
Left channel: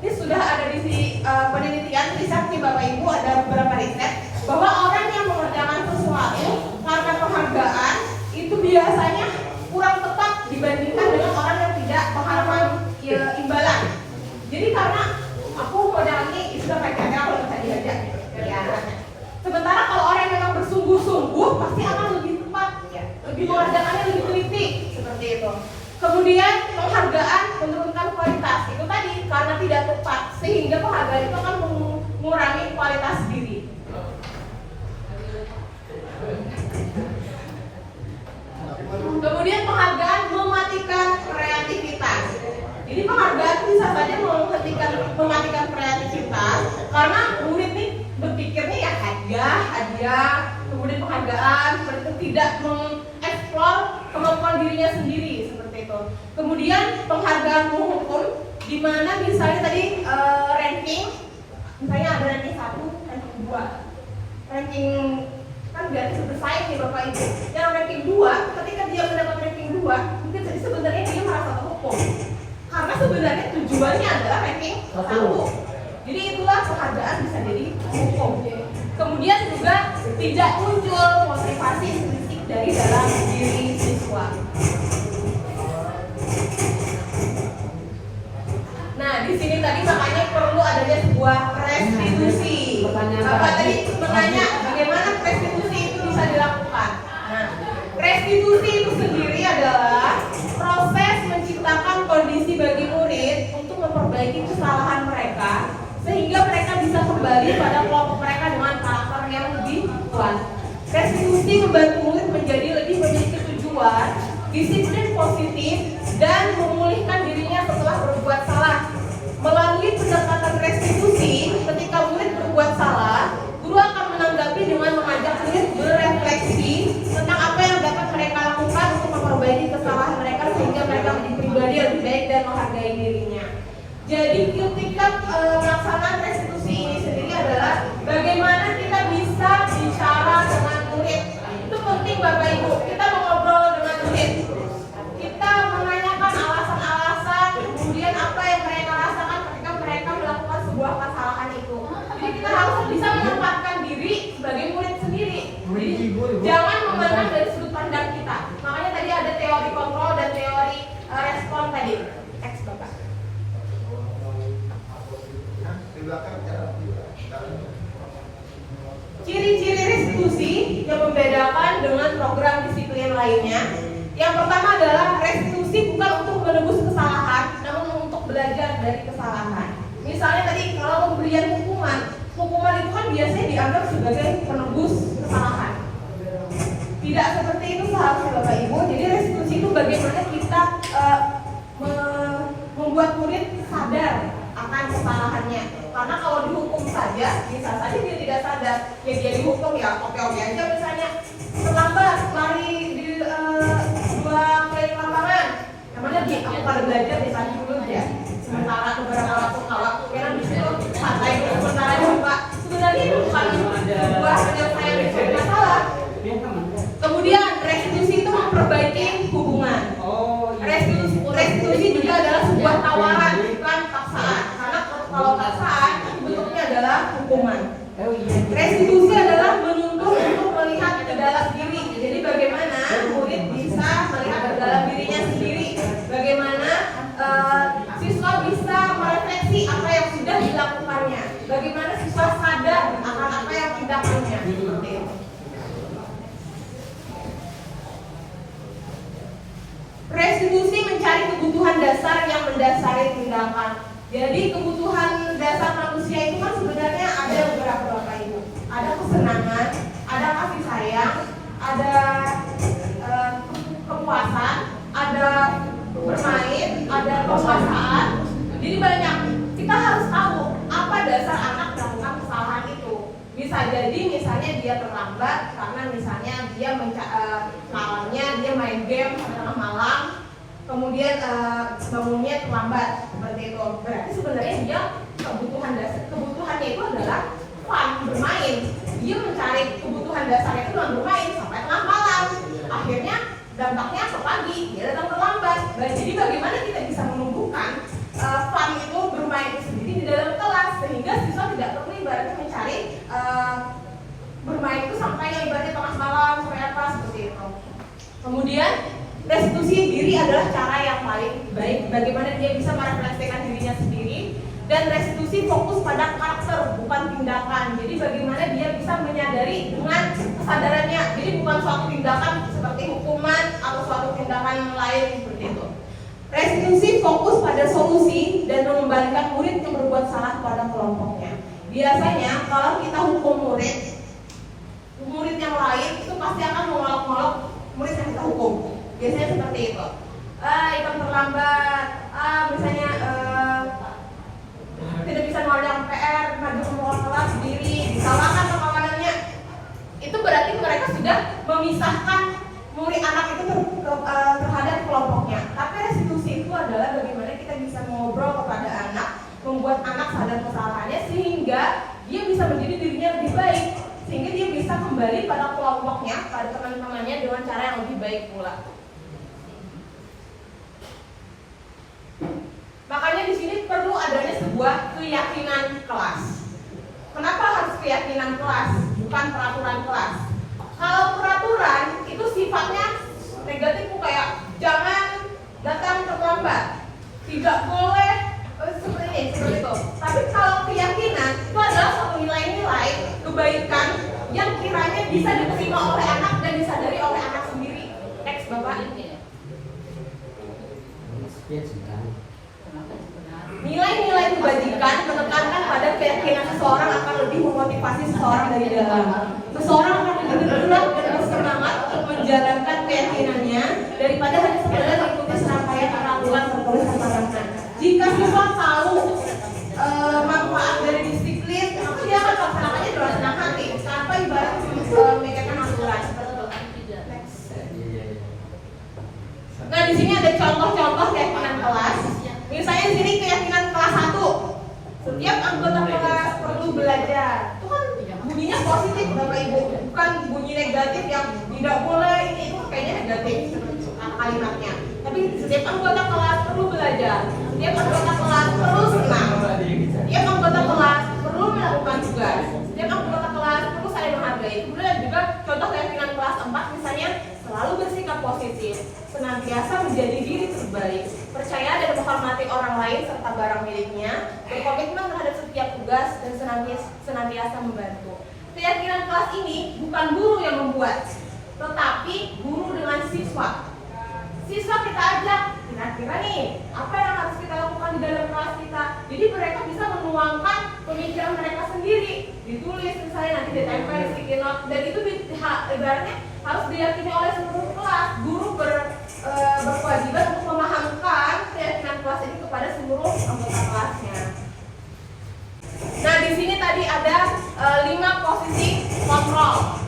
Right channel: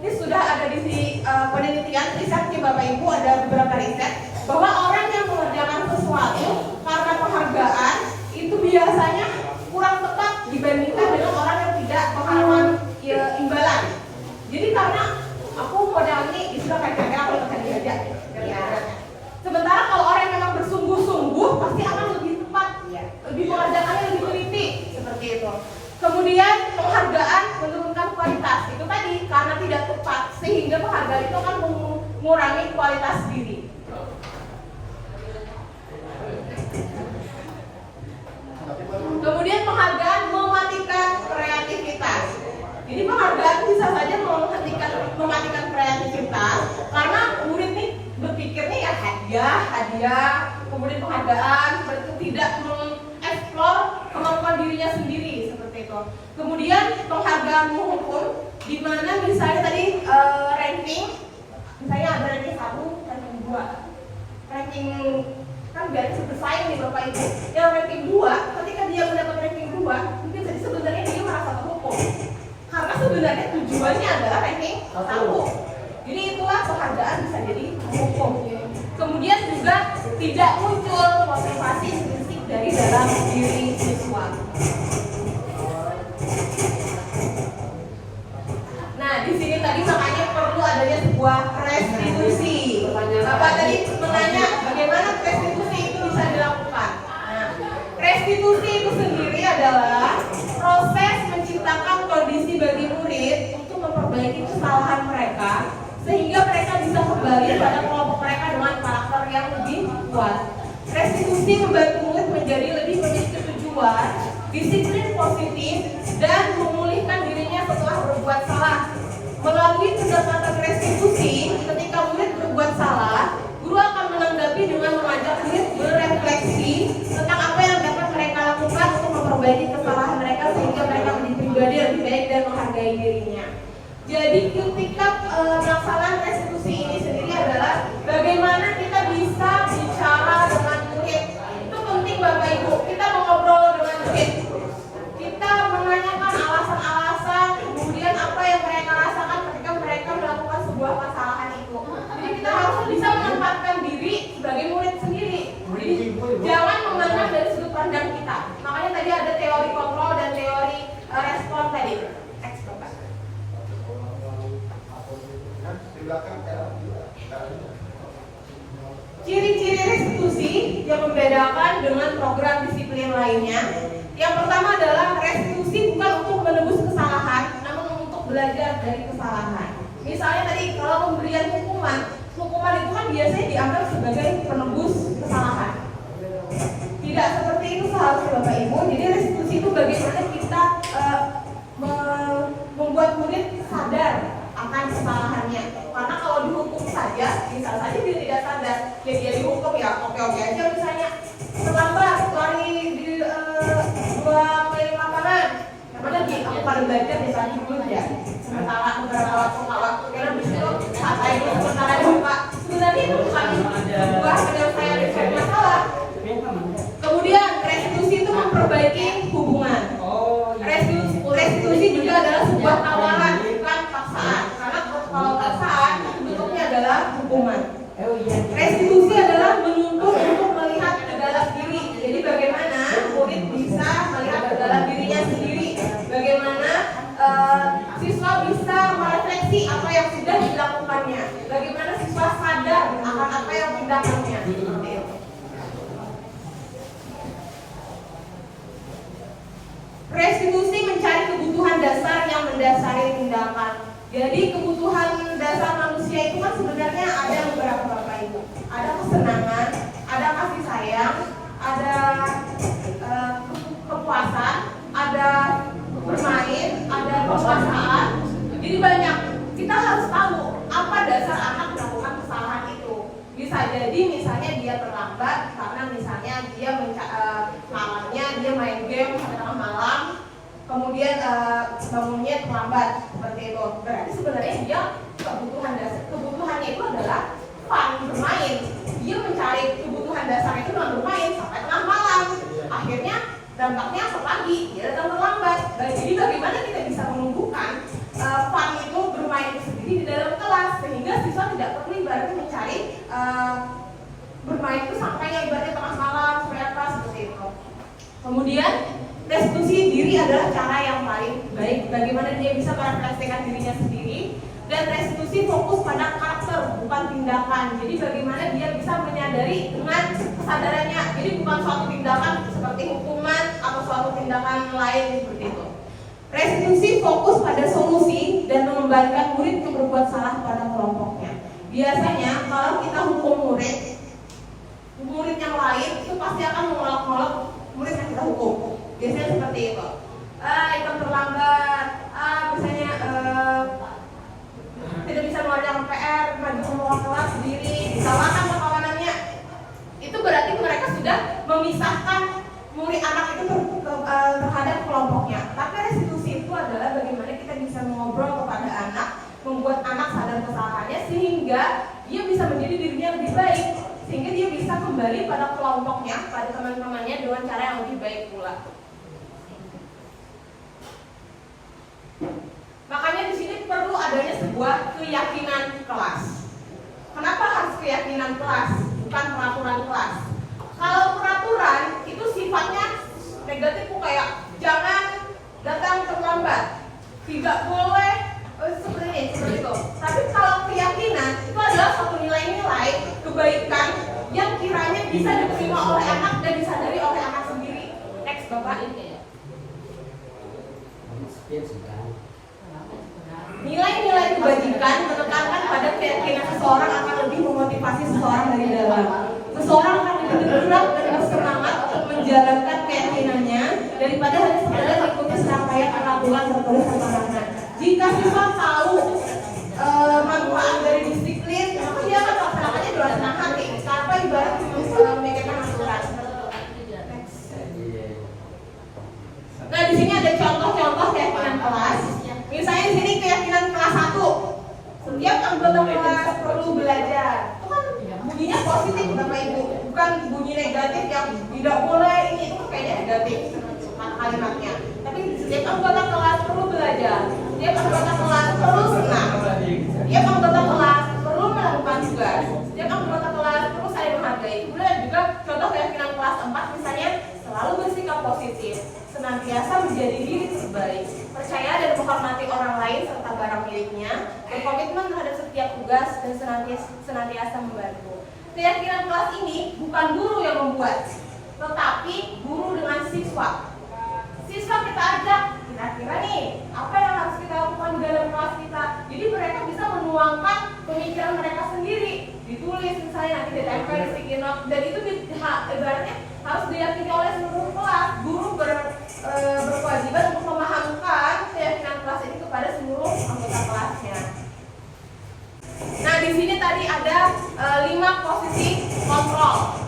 ini sudah ada di penelitian, riset nih Bapak Ibu, ada beberapa riset bahwa orang yang mengerjakan sesuatu karena penghargaan itu biasanya kurang tepat dibandingkan dengan orang yang tidak mengharapkan imbalan. Jadi karena aku modal ini sudah kayak kalau bisa diajak ya. Sementara kalau orang yang memang bersungguh-sungguh pasti akan lebih tepat, lebih mengerjakannya lebih teliti seperti itu. Kemudian penghargaan menurunkan kualitas itu tadi karena tidak tepat sehingga penghargaan itu akan mengurangi kualitas diri. Kemudian penghargaan mematikan kreativitas. Jadi penghargaan bisa saja mematikan kreativitas karena murid nih berpikirnya ya hadiah, kemudian penghargaan seperti itu, tidak mengeksplor kemampuan dirinya sendiri seperti itu. Kemudian penghargaan mengukur di mana misalnya tadi ranking, misalnya ada ranking 1, ranking 2, ranking kan biasanya bersaing nih Bapak Ibu. Yang ranking 2, ketika dia mendapat ranking 2, mungkin jadi sebenarnya dia merasa terpukul. Karena sebenarnya tujuannya adalah ranking 1. Jadi itulah penghargaan bisa jadi hukum. Kemudian juga tidak muncul motivasi intrinsik dari dalam diri siswa. Nah, di sini tadi makanya perlu adanya sebuah restitusi. Bapak tadi bertanya bagaimana restitusi itu bisa dilakukan. Nah, restitusi itu sendiri adalah proses menciptakan kondisi bagi murid untuk memperbaiki kesalahan mereka sehingga mereka bisa kembali pada kelompok mereka dengan karakter yang lebih kuat. Restitusi membantu murid menjadi lebih memiliki tujuan, disiplin positif, dan memulihkan dirinya setelah berbuat salah. Melalui pendekatan restitusi, ketika murid berbuat salah, guru akan menanggapi dengan mengajak murid berefleksi tentang apa yang dapat mereka lakukan untuk memperbaiki kesalahan mereka sehingga mereka menjadi pribadi lebih baik dan menghargai dirinya. Jadi kritikan pelaksanaan restitusi ini sendiri adalah bagaimana kita bisa bicara dengan murid. Itu penting Bapak Ibu, kita mengobrol dengan murid. Kita menanyakan alasan-alasan, kemudian apa yang mereka rasakan ketika mereka melakukan sebuah kesalahan itu. Jadi kita harus bisa menempatkan diri sebagai murid sendiri. Jadi jangan memandang dari sudut pandang kita. Makanya tadi ada teori kontrol dan teori respon tadi. Teks Bapak. Ciri-ciri restitusi yang membedakan dengan program disiplin lainnya. Yang pertama adalah restitusi bukan untuk menebus kesalahan, namun untuk belajar dari kesalahan. Misalnya tadi kalau pemberian hukuman itu kan biasanya dianggap sebagai penebus kesalahan. Tidak seperti itu seharusnya Bapak Ibu. Jadi restitusi itu bagaimana kita membuat murid sadar akan kesalahannya. Karena kalau dihukum saja, bisa saja dia tidak sadar. Ya dia dihukum ya oke-oke aja misalnya terlambat lari di dua keliling lapangan. Yang mana dia aku paling belajar di saat itu ya. Sementara beberapa waktu kalau kira di situ santai sementara juga. Sebenarnya itu bukan sebuah penyelesaian masalah. Kemudian restitusi itu memperbaiki hubungan. Restitusi juga adalah sebuah tawaran, bukan paksaan. Karena kalau paksaan bentuknya adalah hukuman. Restitusi adalah menuntut untuk melihat ke dalam diri. Jadi bagaimana murid bisa melihat ke dalam dirinya sendiri. Bagaimana siswa bisa merefleksi apa yang sudah dilakukannya. Bagaimana siswa sadar akan apa yang dilakukannya. Seperti itu. Restitusi mencari kebutuhan dasar yang mendasari tindakan. Jadi kebutuhan dasar manusia itu kan sebenarnya ada beberapa itu. Ada kesenangan, ada kasih sayang, ada kepuasan, ada bermain, ada kekuasaan. Jadi banyak. Kita harus tahu apa dasar anak melakukan kesalahan itu. Bisa jadi misalnya dia terlambat karena misalnya dia malamnya dia main game sampai tengah malam, kemudian bangunnya terlambat seperti itu. Berarti sebenarnya dia kebutuhannya itu adalah fun, bermain. Dia mencari kebutuhan dasarnya itu dengan bermain sampai tengah malam. Akhirnya dampaknya pagi dia datang terlambat. Jadi bagaimana kita bisa menumbuhkan fun itu bermain itu sendiri di dalam kelas sehingga siswa tidak perlu ibaratnya mencari bermain itu sampai yang ibaratnya tengah malam sampai kelas seperti itu. Kemudian restitusi diri adalah cara yang paling baik bagaimana dia bisa merefleksikan dirinya sendiri, dan restitusi fokus pada karakter bukan tindakan. Jadi bagaimana dia bisa menyadari dengan kesadarannya. Jadi bukan suatu tindakan seperti hukuman atau suatu tindakan lain seperti itu. Restitusi fokus pada solusi dan mengembalikan murid yang berbuat salah pada kelompoknya. Biasanya kalau kita hukum murid yang lain itu pasti akan mengolok-olok murid yang kita hukum. Biasanya seperti itu. Ikut terlambat, misalnya tidak bisa mengerjakan PR, maju ke kelas sendiri, disalahkan sama kawanannya. Itu berarti mereka sudah memisahkan murid anak itu terhadap kelompoknya. Tapi restitusi itu adalah bagaimana kita bisa ngobrol kepada anak, membuat anak sadar kesalahannya sehingga dia bisa menjadi dirinya lebih baik, sehingga dia bisa kembali pada kelompoknya, pada teman-temannya dengan cara yang lebih baik pula. Makanya di sini perlu adanya sebuah keyakinan kelas. Kenapa harus keyakinan kelas, bukan peraturan kelas? Kalau peraturan itu sifatnya negatif, kayak jangan datang terlambat, tidak boleh seperti itu. Tapi kalau keyakinan itu adalah satu nilai-nilai kebaikan yang kiranya bisa diterima oleh anak dan disadari oleh anak sendiri. Next, Bapak. Nilai-nilai kebajikan menekankan pada keyakinan seseorang akan lebih memotivasi seseorang dari dalam. Seseorang akan lebih bergerak dan bersemangat untuk menjalankan keyakinannya daripada hanya sekedar mengikuti serangkaian peraturan tertulis sembarangan. Jika siswa tahu manfaat dari disiplin, maka dia akan melaksanakannya dengan senang hati tanpa ibarat memikirkan aturan. Nah, di sini ada contoh-contoh keyakinan kelas. Misalnya di sini keyakinan kelas 1, setiap anggota kelas perlu belajar. Itu kan bunyinya positif, Bapak Ibu, bukan bunyi negatif yang tidak boleh. Itu kan kayaknya negatif kata kalimatnya. Tapi setiap anggota kelas perlu belajar, setiap anggota kelas perlu senang, setiap anggota kelas perlu melakukan tugas, setiap anggota kelas perlu saling menghargai. Kemudian juga contoh keyakinan kelas 4 misalnya selalu bersikap positif, senantiasa menjadi diri terbaik, percaya dan menghormati orang lain serta barang miliknya, berkomitmen terhadap setiap tugas dan senantiasa membantu. Keyakinan kelas ini bukan guru yang membuat, tetapi guru dengan siswa. Siswa kita ajak, kira-kira nih apa yang harus kita lakukan di dalam kelas kita. Jadi mereka bisa menuangkan pemikiran mereka sendiri, ditulis misalnya nanti ditempel di sticky note, dan itu ibaratnya harus diyakini oleh seluruh kelas. Guru berkewajiban untuk memahamkan keyakinan kelas ini kepada seluruh anggota kelasnya. Nah, di sini tadi ada 5 posisi kontrol.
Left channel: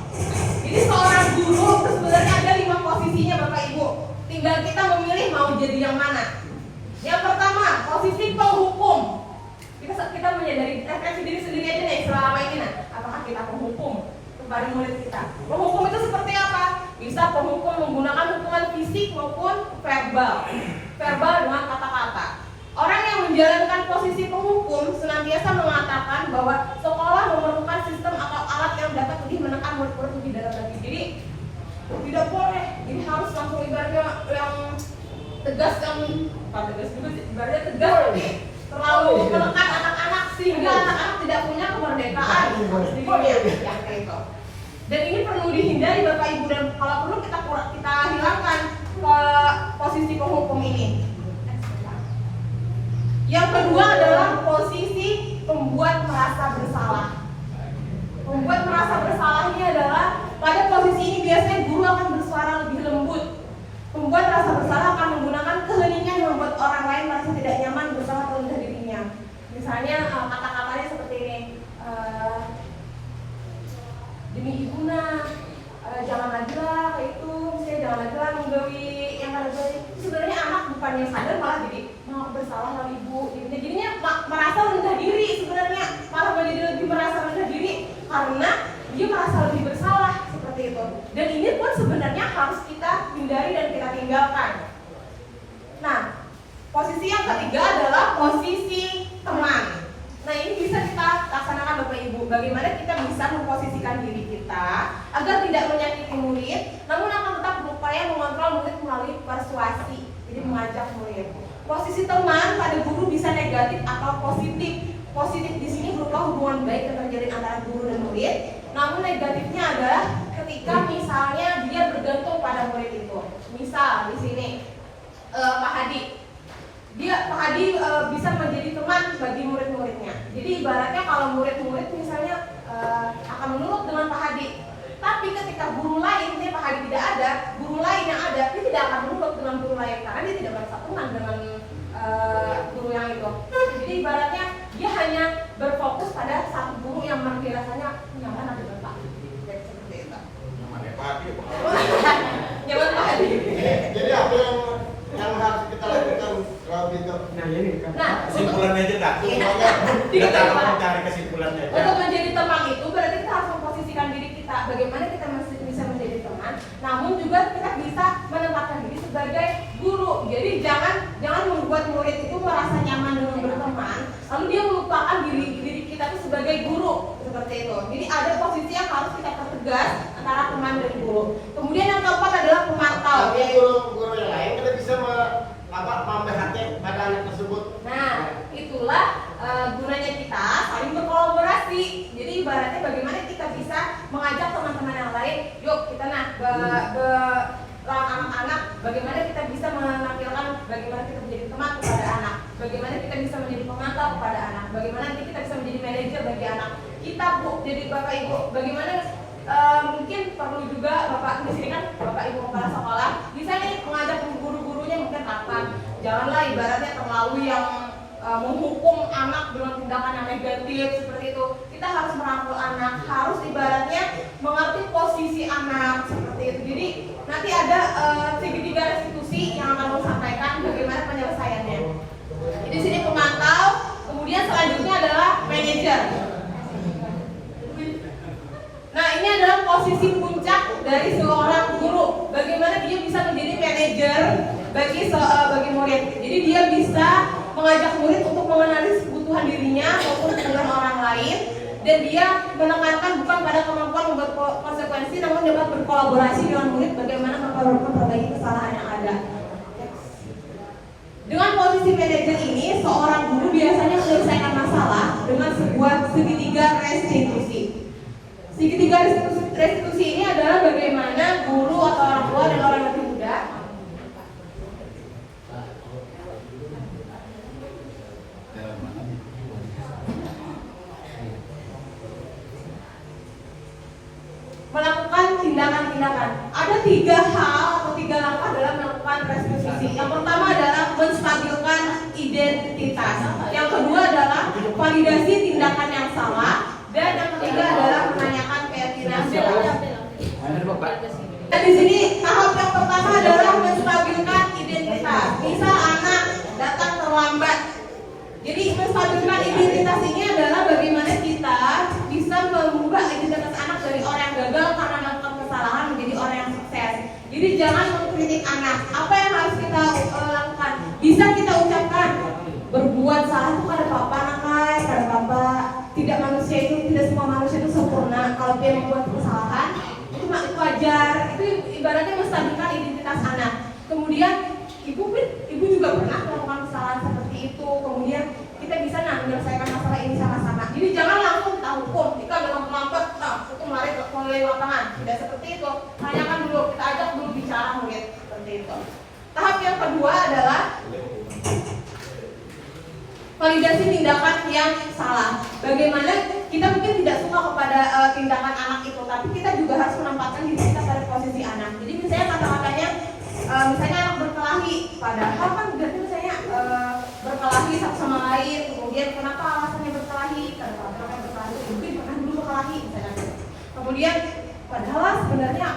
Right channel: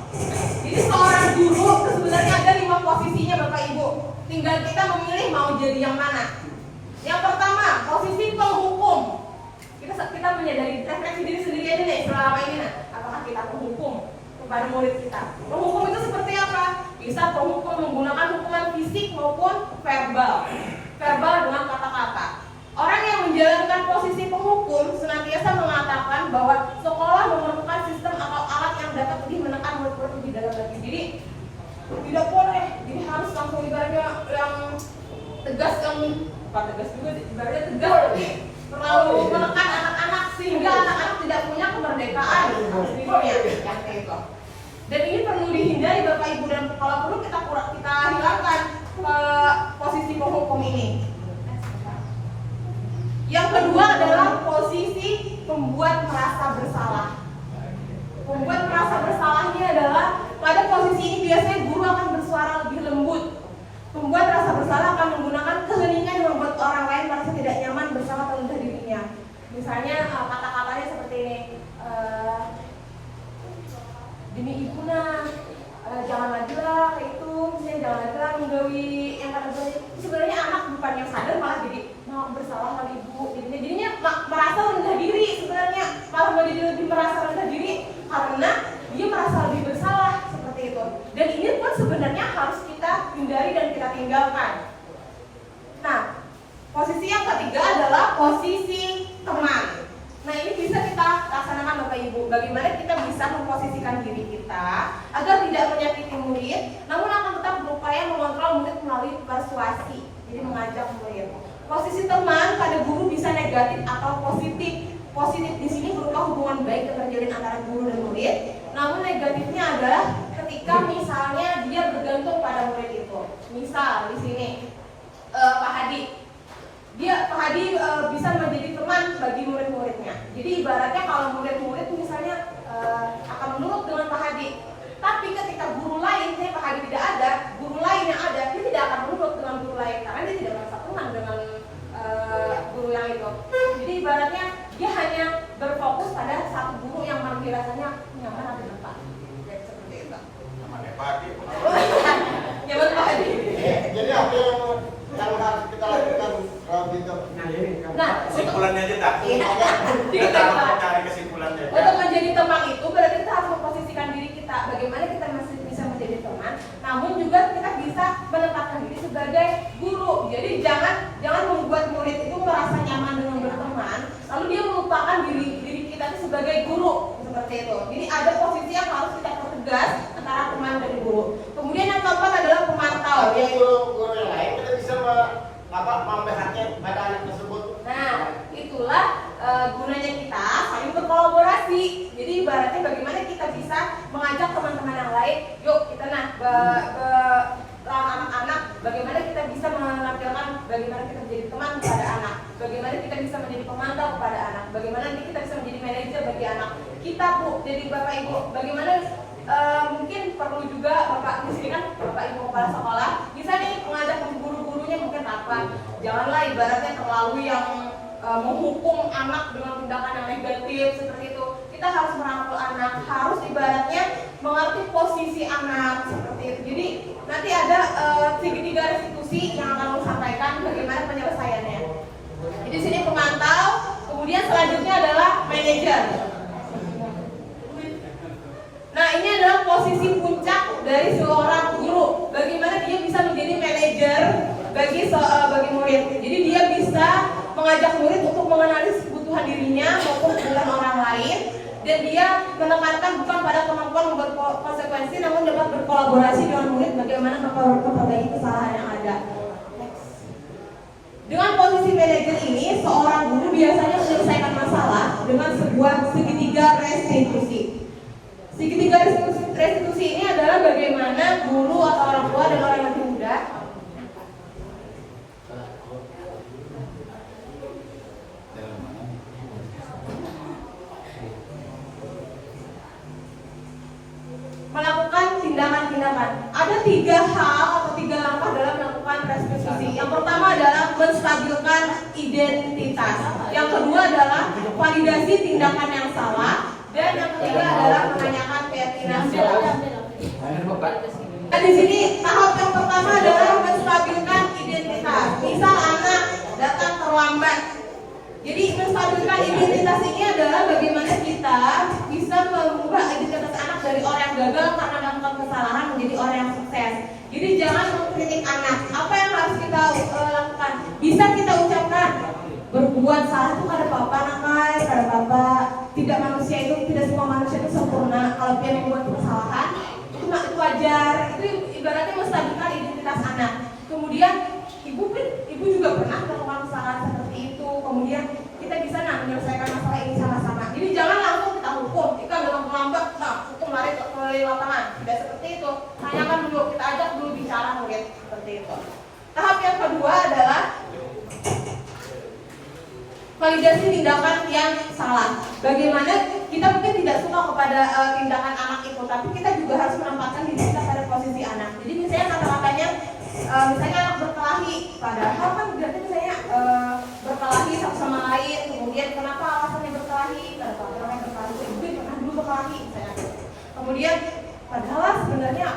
Jadi seorang guru sebenarnya ada 5 posisinya Bapak Ibu. Tinggal kita memilih mau jadi yang mana. Yang pertama, posisi penghukum. Kita menyadari refleksi diri sendiri aja deh selama ini. Apakah kita penghukum kepada murid kita? Penghukum itu seperti apa? Bisa penghukum menggunakan hukuman fisik maupun verbal. Verbal dengan kata-kata. Orang yang menjalankan posisi penghukum senantiasa mengatakan bahwa sekolah memerlukan sistem atau alat yang dapat lebih menekan murid-murid lebih dalam lagi. Jadi tidak boleh, ini harus langsung ibaratnya yang tegas, yang bukan tegas juga sih, ibaratnya tegas, terlalu menekan anak-anak sehingga anak-anak tidak punya kemerdekaan dirinya yang itu. Dan ini perlu dihindari Bapak Ibu, dan kalau perlu kita hilangkan posisi penghukum ini. Yang kedua adalah posisi pembuat merasa bersalah. Pembuat merasa bersalah ini adalah pada posisi ini biasanya guru akan bersuara lebih lembut. Pembuat rasa bersalah akan menggunakan keheningan yang membuat orang lain merasa tidak nyaman bersama rendah dirinya. Misalnya kata-katanya seperti ini, demi ibu nak, jangan lagi lah kayak itu, misalnya jangan lagi lah menggawi yang kada boleh. Sebenarnya anak bukan yang sadar malah jadi mau bersalah sama ibu, jadinya merasa rendah diri sebenarnya, malah menjadi lebih merasa rendah diri karena dia merasa lebih bersalah seperti itu. Dan ini pun sebenarnya harus kita hindari dan kita tinggalkan. Nah, posisi yang ketiga adalah posisi teman. Nah, ini bisa kita laksanakan Bapak Ibu. Bagaimana kita bisa memposisikan diri kita agar tidak menyakiti murid, namun akan tetap berupaya mengontrol murid melalui persuasi. Jadi mengajak murid. Posisi teman pada guru bisa negatif atau positif. Positif di sini berupa hubungan baik yang terjalin antara guru dan murid. Namun negatifnya adalah ketika misalnya dia bergantung pada murid itu. Misal di sini Pak Hadi. Pak Hadi bisa menjadi teman bagi murid-muridnya. Jadi ibaratnya kalau murid-murid misalnya akan menurut dengan Pak Hadi. Tapi ketika guru lain, Pak Hadi tidak ada, guru lain yang ada, dia tidak akan menurut dengan guru lain karena dia tidak merasa teman dengan guru yang itu. Jadi ibaratnya dia hanya berfokus pada satu guru yang dirasanya nyaman atau bentak. Seperti itu. Nyaman Pak Hadi. Jadi apa yang harus kita lakukan kalau gitu? Nah, Kesimpulannya aja tak? Kita harus mencari kesimpulannya aja. Untuk menjadi teman itu berarti kita harus memposisikan diri kita. Bagaimana kita masih bisa menjadi teman, namun juga kita bisa menempatkan diri sebagai guru. Jadi jangan membuat murid itu merasa nyaman dengan berteman, lalu dia melupakan diri kita itu sebagai guru seperti itu. Jadi ada posisi yang harus kita pertegas antara teman dan guru. Kemudian yang keempat adalah pemantau. Tapi guru yang lain kita bisa memperhatikan pada anak tersebut. Nah, itulah gunanya kita saling berkolaborasi. Jadi ibaratnya bagaimana kita bisa mengajak teman-teman yang lain, yuk kita lawan anak-anak, bagaimana kita bisa menampilkan bagaimana kita menjadi teman kepada anak, bagaimana kita bisa menjadi pemantau kepada anak, bagaimana nanti kita bisa menjadi manajer bagi anak kita, Bu. Jadi Bapak Ibu, bagaimana mungkin perlu juga Bapak di sini kan Bapak Ibu kepala sekolah bisa nih mengajak guru-gurunya mungkin apa, janganlah ibaratnya terlalu yang menghukum anak dengan tindakan yang negatif seperti itu. Kita harus merangkul anak, harus ibaratnya mengerti posisi anak seperti itu. Jadi nanti ada segitiga restitusi yang akan saya sampaikan bagaimana penyelesaiannya. Jadi di sini pemantau, kemudian selanjutnya adalah manajer. Nah, ini adalah posisi puncak dari seorang guru. Bagaimana dia bisa menjadi manajer bagi murid. Jadi dia bisa mengajak murid untuk mengenali kebutuhan dirinya maupun kebutuhan orang lain, dan dia menekankan bukan pada kemampuan membuat konsekuensi, namun dapat berkolaborasi dengan murid bagaimana memperbaiki kesalahan yang ada. Dengan posisi manajer ini, seorang guru biasanya menyelesaikan masalah dengan sebuah segitiga restitusi. Segitiga restitusi ini adalah bagaimana guru atau orang tua dan orang yang muda melakukan tindakan-tindakan. Ada 3 hal atau 3 langkah dalam melakukan restitusi. Yang pertama adalah menstabilkan identitas. Yang kedua adalah validasi tindakan yang salah. Jadi jangan mengkritik anak. Apa yang harus kita lakukan? Bisa kita ucapkan, berbuat salah itu pada bapak namai, pada bapak. Tidak manusia itu, tidak semua manusia itu sempurna. Kalau dia membuat kesalahan, itu wajar. Itu ibaratnya menstabilkan identitas anak. Kemudian ibu juga pernah melakukan kesalahan seperti itu. Kemudian kita bisa menyelesaikan masalah ini sama-sama. Jadi jangan langsung kita hukum. Kita bilang melambat, hukum mulai lapangan. Tidak seperti itu. Tanyakan dulu, kita ajak dulu bicara mungkin seperti itu. Tahap yang kedua adalah validasi tindakan yang salah. Bagaimana kita mungkin tidak suka kepada tindakan anak itu, tapi kita juga harus menempatkan diri kita pada posisi anak. Jadi misalnya kata-katanya, misalnya anak berkelahi, padahal kan berarti misalnya berkelahi satu sama lain. Kemudian kenapa alasannya berkelahi? Karena orang berkelahi, mungkin pernah dulu berkelahi misalnya. Kemudian padahal sebenarnya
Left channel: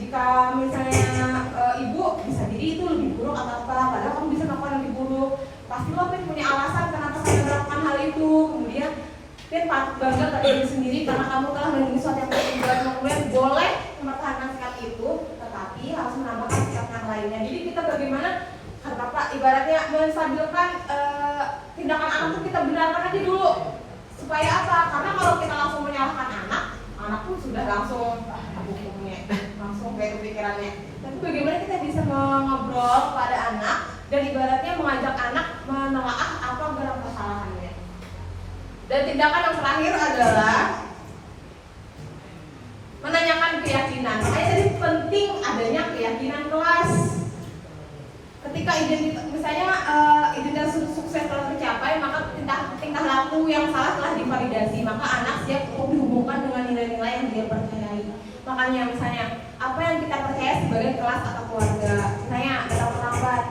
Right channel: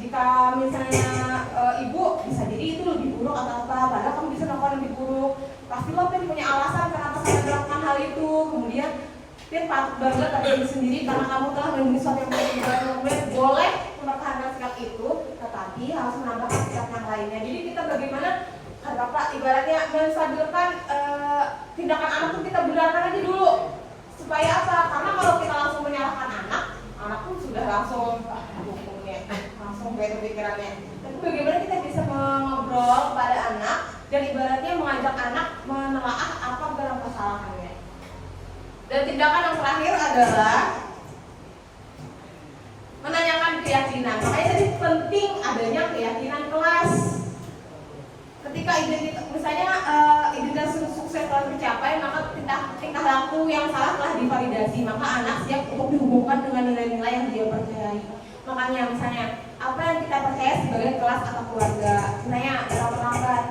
jika misalnya ibu bisa jadi itu lebih buruk atau apa, padahal kamu bisa melakukan lebih buruk. Pasti lo punya alasan kenapa saya melakukan hal itu. Kemudian patut bangga pada diri sendiri karena kamu telah melindungi suatu yang tidak kemudian boleh mempertahankan sikap itu, tetapi harus menambahkan sikap yang lainnya. Jadi kita bagaimana kata ibaratnya menstabilkan tindakan anak itu, kita benarkan aja dulu. Supaya apa? Karena kalau kita langsung menyalahkan anak pun sudah langsung hukumnya, langsung kayak pikirannya. Tapi bagaimana kita bisa mengobrol kepada anak dan ibaratnya mengajak anak menelaah apa dalam kesalahannya. Dan tindakan yang terakhir adalah menanyakan keyakinan. Makanya jadi penting adanya keyakinan kelas. Ketika misalnya identitas sukses telah tercapai, maka tingkah laku yang salah telah divalidasi, maka anak siap untuk dihubungkan dengan nilai-nilai yang dia percayai. Makanya misalnya apa yang kita percaya sebagai kelas atau keluarga, misalnya dalam perawat,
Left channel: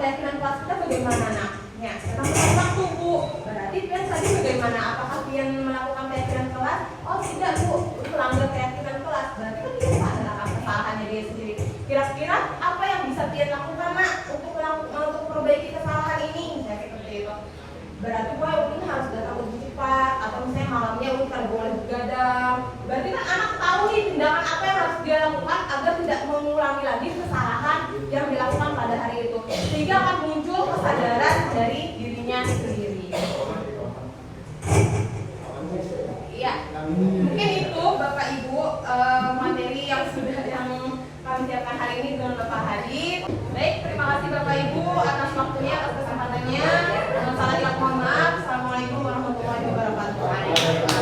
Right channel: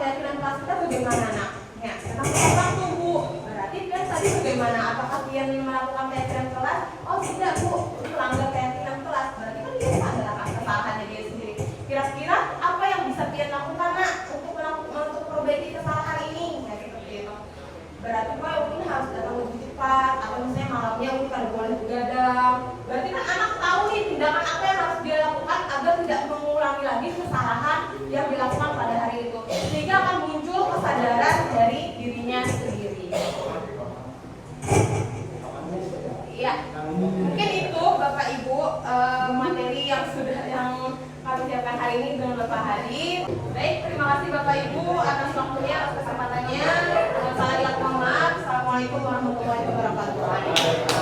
keyakinan kelas kita bagaimana nak? Ya, sekarang waktu bu, berarti kan tadi bagaimana? Apakah dia melakukan keyakinan kelas? Oh tidak bu, itu melanggar keyakinan kelas. Berarti kan dia adalah kesalahannya dia sendiri. Kira-kira apa yang bisa dia lakukan nak untuk memperbaiki kesalahan ini? Dari seperti itu. Berarti gue mungkin harus datang lebih cepat, atau misalnya malamnya gue kalau boleh begadang. Berarti kan anak tahu nih tindakan apa yang harus dia lakukan agar tidak mengulangi lagi kesalahan yang dilakukan pada hari itu. Sehingga akan muncul kesadaran dari dirinya sendiri. Iya, mungkin itu Bapak Ibu materi yang sudah kami siapkan hari ini dengan Bapak Hadi. Baik, terima kasih Bapak Ibu atas waktunya, atas kesempatannya. Salah mohon maaf. Assalamualaikum warahmatullahi wabarakatuh.